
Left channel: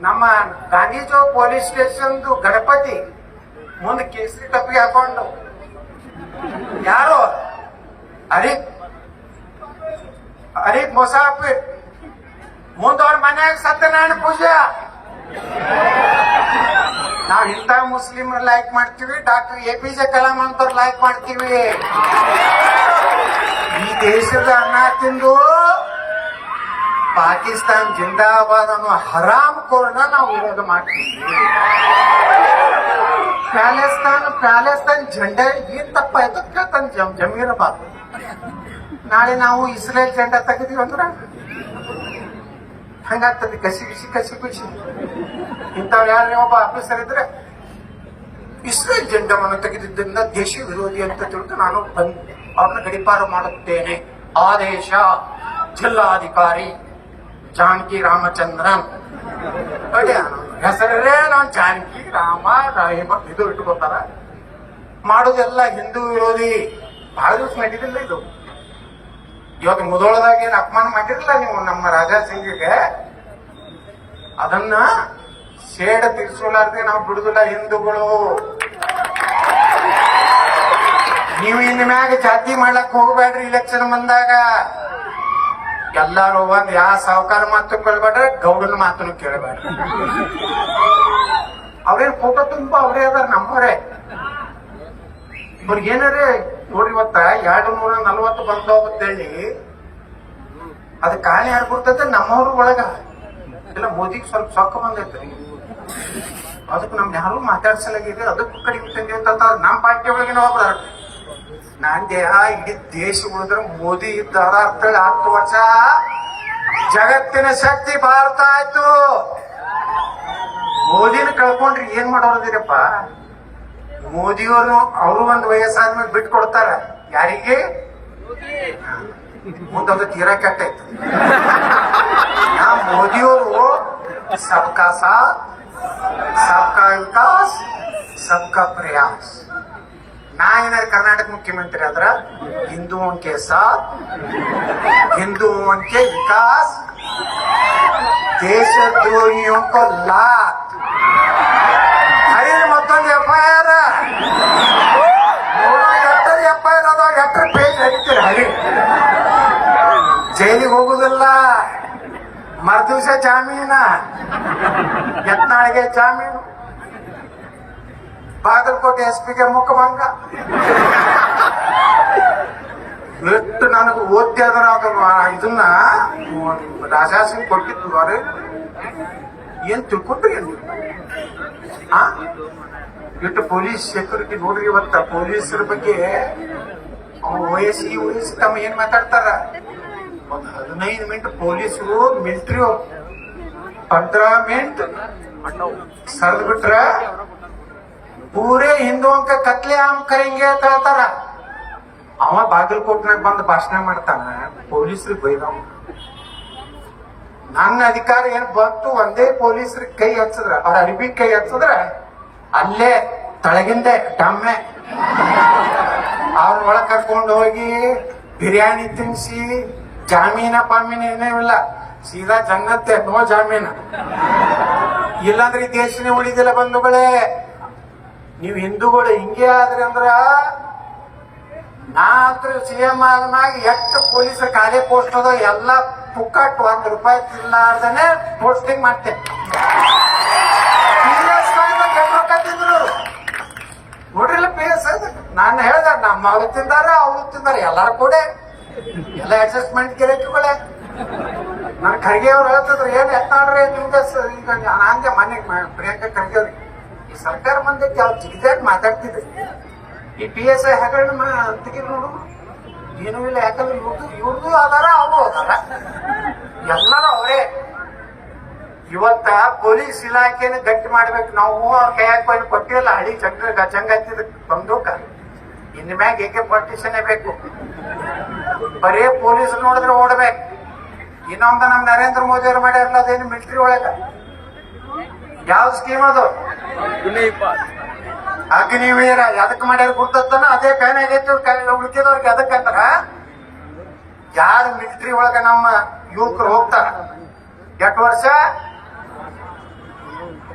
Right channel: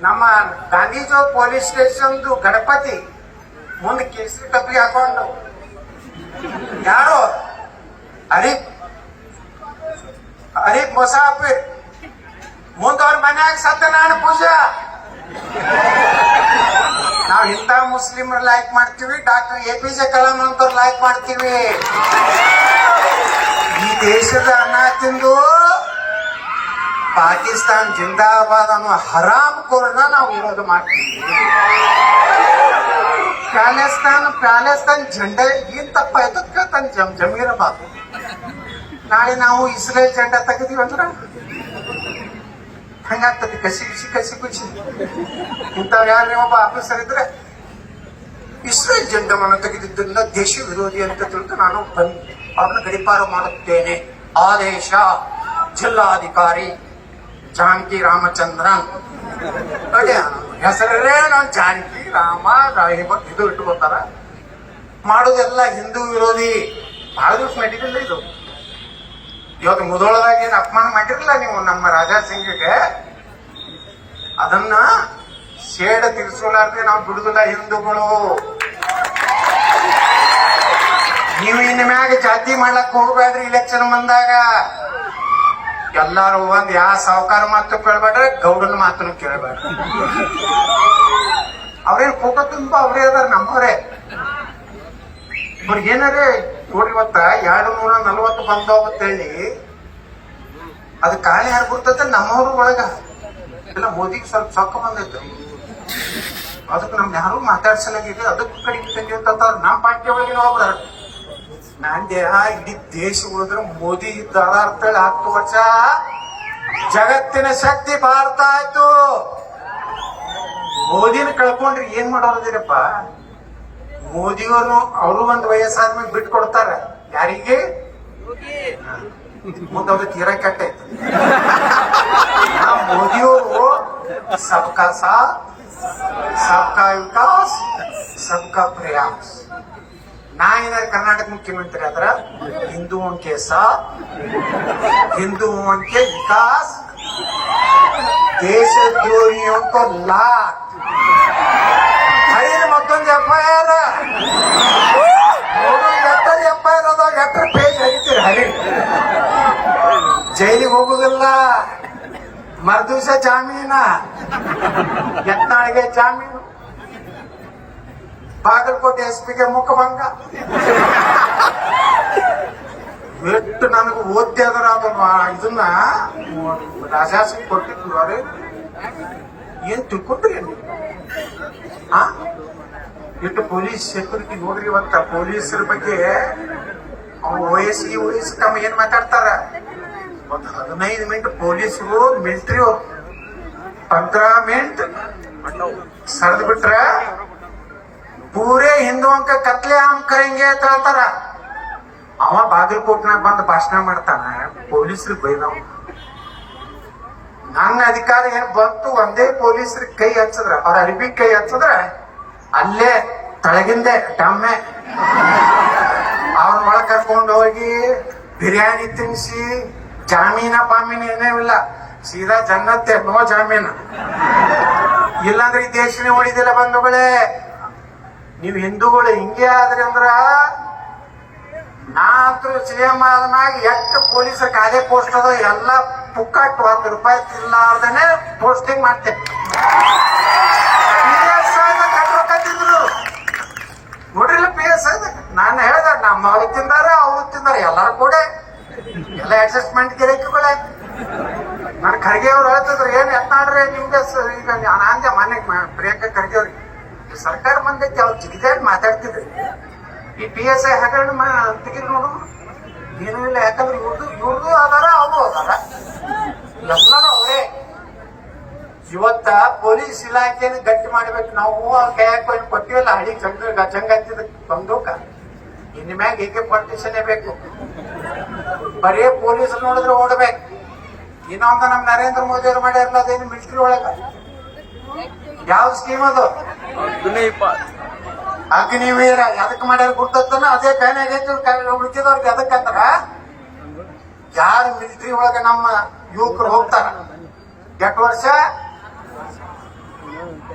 ನಮ್ಮ ಗಾಂಧಿ ಚೌಕ್ ಪೊಲೀಸ್ ಸ್ಟೇಷನ್ ಗಣಪತಿ ಮುಂದೆ ಕೇಸರಿ ಟಪ್ಪಿಗೆ ಹಾಕೊಂಡು ಯಾರು ಅರೀಫ್ ಮುಸಾಫಿರ್ ಮುಂದ ಅವ್ರ ಮನ್ಯಾಗ ಸತ್ಯನಾರಾಯಣ ಪೂಜೆ. ನಾವ್ ಇಂಥ ಮುಸ್ಲಿಮ್ ಲೈಕ್ ಮಾಡ್ತೀವಿ, ಡಾಕ್ಟರ್ APJ ಕಲಾಂ ಅಂತವ್ರು ಲೈಕ್ ಮಾಡ್ತೀವಿ. ಈ ದೇಶದ ಅನ್ನ ತಿಂದು ಪಾಕಿಸ್ತಾನ್ ಜಿಂದಾಬಾದ್ ಅನ್ನೋ ಹರಾಮ್ ಕೋರ್ನ ನಾವು ವಿರೋಧ ಮಾಡ್ತೀವಿ. ಪ್ಯಾಲೆಸ್ತಾನ್ ಜೆಂಡಾ ಏನ್ ತಪ್ಪ ಎದಕ್ ಕೇಳ್ತಾನೆ ಜಮೀರಬಾದ್. ನಾಳೆ ನಾವು ಇಸ್ರೇಲ್ ಜೆಂಡಾ ತೆಗೆದೀವಿ ಅಂದ್ರ ಹಂಗಾಗ್ತದೆ, ಕಸಿ ಬಿಸಿ. ಇಂಥವ್ ಯಾರೇ ಒಬ್ಬ ಆಫೀಸರ್ ಇದ್ರೆ ಇಸ್ರೇಲ್ ಜೆಂಡಾವನ್ನು ತೆಗೆದಿದ್ದರಿಂದ ದೇಶ ವಿರೋಧಿ ಅಂತ ತಿಳ್ದು ನಾನು ಬಂದು ಅವ್ರನ್ನ ಗಡಿಪಾರು ಮಾಡುತ್ತೇನೆ. ಆದೇಶ ಜಿಲ್ಲಾಧಿಕಾರಿ ಜಾನಕಿ ರಾಮಚಂದ್ರನ್. ಹೆಸರೇ ನಾವು ಜಾನಕಿ ರಾಮ ಇದು ಇಟ್ಟುಕೊತಾರ. ಮಾಡೋದೆಲ್ಲ ಹಿಂದೂ ವಿರೋಧಿ. ಬಹಳ ದಿವಸ ನಡೀತಿಲ್ಲ ಇದು. ಇವತ್ತು ಮುದೋಳದಾಗ ಏನ್ ಅಪಮಾನ ಮಾಡಿರಲಿಲ್ಲ ನೀವು ನಮ್ಮ ರಾಜಾ ಸಿಂಗ್ಗೆ, ಅದನ್ನ ಸೇಡ ತೀರ್ಸೋಲಾರ್ದೆ ನಾವು ಬಿಡುದಿಲ್ಲ ಹಿಂದೂಗಳು. ನೀವು ಇನ್ ಮ್ಯಾಗ ಜಾತಿ ಮಾಡ್ಲಕ್ ಹೋಗ್ಬೇಡ್ರಿ. ಇಲೆಕ್ಷನ್ ಬಂದಾಗ ಎಲ್ಲಾರು ಒಂದ್ ಯಾವ ಸಾವುಕಾರ ಮಾತು ಕೇಳ್ಬೇಡ್ರಿ, ಗೌಡನ ಮಾತನ್ನು ಕೇಳಬೇಡ್ರಿ. ಅವ್ರೇನ್ ಫೋಟೋ ತುಂಬ ಅವ್ರೇ ಅದಾರ, ನಮ್ಮವ್ರೆ. ಇವ್ರಿಗೇನಾರೇ ನೋಡ್ರಿ, ಇವತ್ತ 240 ಬಂದೋಗತ್ತ ಹೇಳಿ ಅದ್ ಕಾಣೆ ಯಾರು ಬರ್ತೈತೆ ನಮ್ಮವ್ರ ಒಳಗ. ಇಲ್ಲ ಮೋದಿಗೆ ಸ್ವಲ್ಪ ಸೊಕ್ಕ ಬಂದೈತೆ, ಅದಕ್ಕೆ ನಮ್ಗೆ ಯಾರು ಮಾತಾಡ್ಸಲಾಗಿದೆ, ಅದಕ್ಕೆ ಕಡಿಮೆ ಅಂತ ನಮ್ಮ ಪಾರ್ಟಿ ಒಳಗಿನ ಒಬ್ರು. ನಂಗೆ ಇಡೀ ದೇಶ ಉಳಿದ್ರೆ ಮೋದಿ ಇದ್ದಾರ ಅಂತೇಳಿ 10 ವರ್ಷ ಜಗತ್ತಿನ ಶಕ್ತಿ ಭಾರತ ಆಯ್ತು. ಮೋದಿನ ಕಳ್ಕೊಂಡ್ರಿ ಏನ್ ಮಾಡೋದಿರಪ್ಪ. ಮೋದಿಯವರು ಅವರು ಒಂದು ವಯಸ್ಸಾದ್ಮೇಲೆ ಬಿಟ್ಟು ಕೊಡ್ತಾರ. ಯಾರಿಗೆ? ಮುಂದೊಂದು ತೀರಾ ಕೆಟ್ಟೈತಿ. ಮೋದಿಯವರು ಸಬ್ಕಾ ಸಾಥ್ ಸಬ್ಕಾ ವಿಕಾಸ್ ಸಬ್ಕಾ ಪ್ರಯಾಸ್. ನಾ ಏನಾದ್ರು ಕರ್ನಾಟಕ ಮುಖ್ಯಮಂತ್ರಿ ಆದ್ರ ಹಿಂದೂओं के साथ हिंदुओं के विकास, ದೇಶದ್ರೋಹಿयों को लात. ಹರಿದ ಮತ್ತೊಂದು FIR ಅದಾಗ 8 ಪೇಜ್ ಹರಿತೀರಿ. ಹರಿ ಜೈಲಿಗೆ ಹೋಗುದಿಲ್ಲ, ಮರ್ದಿವ್ಸ ಜಾಮೀನ, ಯತ್ನಾಳಿಗೆ ಜಾಮೀನು, ಬಾಗಲಕೋಟೆ SP ಮುಖಭಂಗ. ಎಷ್ಟು ನನಗೆ ಓದ್ತಿ ಅದರ ಇದನ್ನ ರಾಜಾಸಿಂಗ್ ಕೊಟ್ಟಿದ್ರು. ಅವ್ರೆ ಏನ್ ತಿಳ್ಕೊಟ್ರಿ ಇಟ್ಟು ಪೊಲೀಸ್ ಸೆಕ್ಯೂರಿಟಿ ನೋಡ್ರಿ. ಇವತ್ತ ಪೊಲೀಸರ ಬಗ್ಗೆ OS ತಮ್ಮ ಏನ್ ಮಾತಾಡ್ತಾರ. ಒಂದು 15 ಮಿನಿಟ್ ಪೊಲೀಸರು ಮಿಲಿಟರಿ 15 ಮಿನಿಟ್ ಸರಿದ್ ಬಿಟ್ರ ಪೂರೇ ಹಿಂದೂಂಕ ಕತ್ಲೆ ಆಮ್ ಕರೆಂಗೆ ಅಂತ ಹೇಳ್ತಾರ. ಅವ ಬಾಗಲಕೋಟ್ನಾಗ ಬಂದು ಭಾಷಣ ಮಾಡ್ತಾನ, ಪೊಲೀಸರಿಗೆ ಬೈದವ. ನನ್ನ ಅಧಿಕಾರ ಏನ್ ಬಂತು, ಒಂದೇ ಪೊಲೀಸರಿಗೆ ಕೈ ಹಚ್ಚದ್ರ, ಅವ್ರ ಅರಿಬಿ ಕೈ ಹಚ್ಚದ್ರ ಅಲ್ಲೇ ತಳಗಿಂದೆ ಡಮ್ಮೆ ಅವ್ರ ಒಳಗ್ ಕರ್ಕೊಂಡು ಹೋಗಿ ಬಿರಿಯಾನಿ ತಿನ್ಸಿ, ಜಾಮೀನ ಪಾಮೀನ ಏನೇವಿಲ್ಲ, ಸೀದಾ ಜನ್ನತ್ತೆ, ನೋ ಜಾಮೀನ. ಇಲ್ಲಾಂದ್ರೆ ಈ ದೇಶನೇ ಉಳಿದಿಲ್ಲ ಬಂಧುಗಳೇ. ನೀವು ಹಿಂದೂಗಳು ಹಿಂಗೆ ಆದ್ರಿ ಅಂದ್ರ ನಾ ಅಂತೂ ಸಿಎಂ ಆದ್ಮ್ಯಾಗ ಎಷ್ಟು ಪೊಲೀಸರ ಖಾಲಿ ಪೋಸ್ಟ್ ಅದ ಎಲ್ಲ ಪುಕ್ಕಟ್ ₹1 ತಿನ್ನಲಾರ್ದನೆ ಪೋಸ್ಟಿಂಗ್ ಮಾಡ್ತೇನೆ. PS ರೊಕ್ಕ ತಿಂದ್ರು ನೋಡ್ರಿಲ್ಲ PS ನಾನು ಹೇಳ್ದ ನಮ್ಮವ್ರು ತಿಂದಾರ ಅವ್ರು ತಿಂದಾರ ಎಲ್ಲಾರು ಕೂಡ ಎಲ್ಲ ಅಡ್ಜಸ್ಟ್ಮೆಂಟ್ ಗಿರಾಕಿಗಳೇ. ನನ್ ಖರ್ಗೆ ಅವ್ರು ಹೇಳ್ತಿದ್ರು ಏನ್ ಎತ್ತಾಡ್ರಿ ನಿಮ್ಗೆ ಈಗ ನಾಂದೆ ಮನೆ ಪ್ರಿಯಾಂಕಾ ಖರ್ಗೆ ಅವ್ರಿಗೆ ಈ ಸರ್ಕಾರ ಮಂದೈತಿ ಅವ್ರು ಜಿಗಿದೇಟ್ ಮಾತಾಡ್ತಿದ್ರು. ಈ PSI ಹಗರಣ ತೆಗಿಲ್ ನೋಡು ಏನೂ ಇಲ್ಲ. ಯಾಕಂದ್ರೆ ಇವ್ರದ್ದು ಅದಾರ ಅವರು ಅದಾರ ಎಲ್ಲರೂ ಅವರೇ. ಇವತ್ತ ಪೊಲೀಸ್ ಇಲಾಖೆನ ಗಟ್ಟಿ ಮಾಡ್ಬೇಕು ನಾವು. ಕೈಯಾಕ ಕೊಟ್ಟಿಲ್ಲ ಹಳಿ ಜಂಗ ಹತ್ತಿದ ಬಂದೂಕ ಇನ್ ಮ್ಯಾಗ AK-47 ಬೇಕು. ಬರೀ ಪೊಲೀಸ್ ನೋಡಿದ್ರೆ ಓಡ್ಬೇಕು. ಇನ್ನೊಂದು ನಮ್ ನರೇಂದ್ರ ಮೋದಿ ಅವ್ರು ಮಾಡ್ಯಾರಲ್ಲ ಅದೇನು ಮಿಲಿಟರಿ ಒಳಗ ಯಾವ ಸ್ಕೀಮ್ ಅದು ಅಗ್ನಿವೀರ ಎದಕ್ ಮಾಡ್ಯಾರ ಗುರ್ತನ ಅದೇ ಬ್ಯಾನ್ ಆಗೈತಿ. ಉಳಿದವ್ರಿಗೆ ಎದಕ್ಕಂದ್ರ ಯಾರು ಮಿಲಿಟರಿ ಒಳಗ ನಮ್ಮ ಯುವಕರು ಹೋಗ್ತಾರ 8 ವರ್ಷ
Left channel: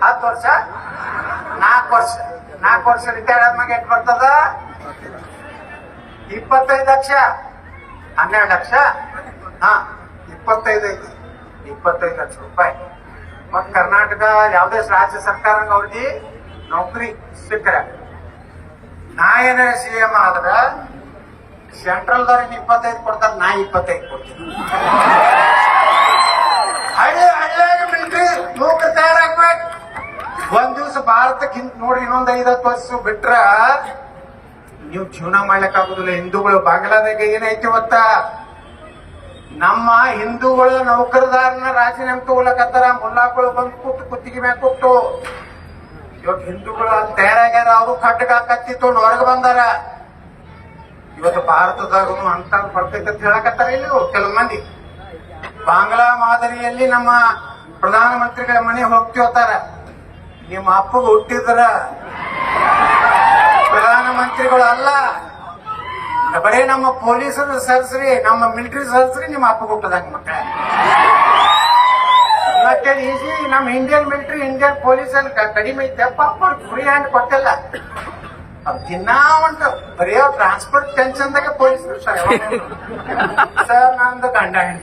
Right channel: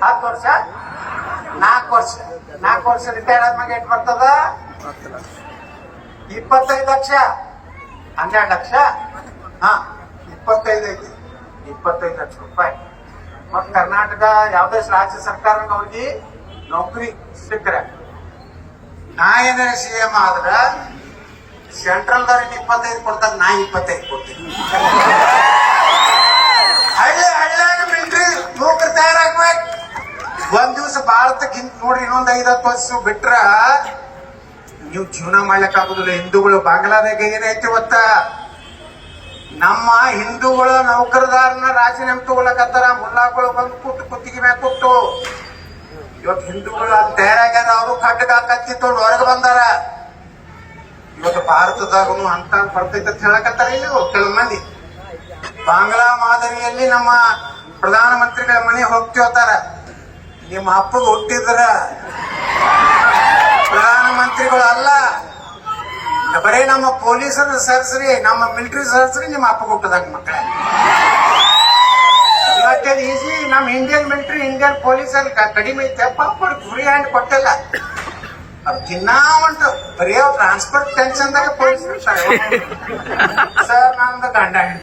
10 ವರ್ಷ 4 ವರ್ಷ ರಿಟೈರ್ಡ್ ಆದ್ಮಾಗ ಎಷ್ಟು ಬರ್ತದ 25 ಲಕ್ಷ 12 ಲಕ್ಷ 25 ಐತಿ 25 ಲಕ್ಷ ರೂಪಾಯಿ. ಮತ್ ಕರ್ನಾಟಕ ಯಾವ್ದೇ ರಾಜ್ಯ ಸರ್ಕಾರ ಅವ್ರಿಗೆ ನೌಕರಿ ಸಿಕ್ಕರ ನಾ ಏನಾರ CM ಆದ್ರ ಸೆಂಟ್ರಲ್ ದವ್ರಿಗೆ 25 ಕೊಡ್ತಾರೆ, ನಾ 25 ಕೊಡ್ತೀನಿ. ಹಳ್ಳಿ ಮಿಲಿಟರಿ ಯುವಕರು ತಯಾರಾಗ್ಬೇಕು. ಒಂದ್ ದಿವ್ಸ ಭಾರತಕ್ಕೆ ನೋಡ್ರಿ ಇನ್ನೊಂದ್ 5-10 ವರ್ಷ ಬಿಟ್ರ ನೀವು ಜೀವನ ಮಾಡ್ಲಿಕ್ ಆಗುದಿಲ್ಲ. ಹಿಂದೂಗಳು ಬಾಂಗ್ಲಾದಾಗ ಏನೈತಿ ಇವತ್ತ ನಮ್ಮ ಹಿಂದೂಗಳ ನೌಕರದಾರನ ರಾಜೀನಾಮೆ ತಗೊಳಕತ್ತಾರ. ಮುಲ್ಲಾಗಳು ಬಂದು ಕುತ್ತಿಗೆ ಮ್ಯಾಗ ಕೊಟ್ಟು ಇವತ್ತು ಹಿಂದೂಗಳು ಅಲ್ಲಿ ತಯಾರಾಗ್ಯಾರ. ಅವರು ಖಡ್ಗ ಕತ್ತಿತ್ತು ಹೊರಗೆ ಬಂದಾರ. ಇವತ್ತು ಭಾರತದಾಗೂ ಅಂತ ಬರ್ತೈತೆ ಅಂತ ಹೇಳಕತ್ತಾರ. ಇಲ್ಲಿ ಕೆಲವು ಮಂದಿ ಬಾಂಗ್ಲಾ ಮಾದರಿಯಲ್ಲಿ ನಮ್ಮ ಪ್ರಧಾನಮಂತ್ರಿಗಳ ಮನೆ ಹೋಗ್ತಿರ್ತಾರ. ನಿಮ್ಮ ಅಪ್ಪಗೆ ಹುಟ್ಟಿದ್ರ ಪ್ರಧಾನಮಂತ್ರಿಗಳು ಅಲ್ಲ, ಬರೀ ನಮ್ಮ ಪೊಲೀಸರ ಸರ್ಸ್ರಿ, ನಮ್ಮ ಮಿಲಿಟರಿ ಸರ್ಸ್ರಿ ನಿಮ್ಮ ಅಪ್ಪಗೆ ಹುಟ್ಟದಾಗ ಮಕ್ಕಳ. ಇವತ್ತೇನು ಈಸಿ ನಮ್ಮ ಇಂಡಿಯನ್ ಮಿಲಿಟರಿ ಇಂಡಿಯನ್ ಪೊಲೀಸಲ್ಲಿ ಕಡಿಮೆ ಐತೆ. ಪಾಪ ಫ್ರೀ ಹ್ಯಾಂಡ್ ಕೊಟ್ಟಿಲ್ಲ. ಅವ್ರು ತಿನ್ನಾ ಉಂಟು ಬರೀ ಟ್ರಾನ್ಸ್ಪೋರ್ಟ್ ಟೆನ್ಷನ್ದಾಗ ಪೊಲೀಸ್ ಸರ್ ನಂದು ಗಂಡ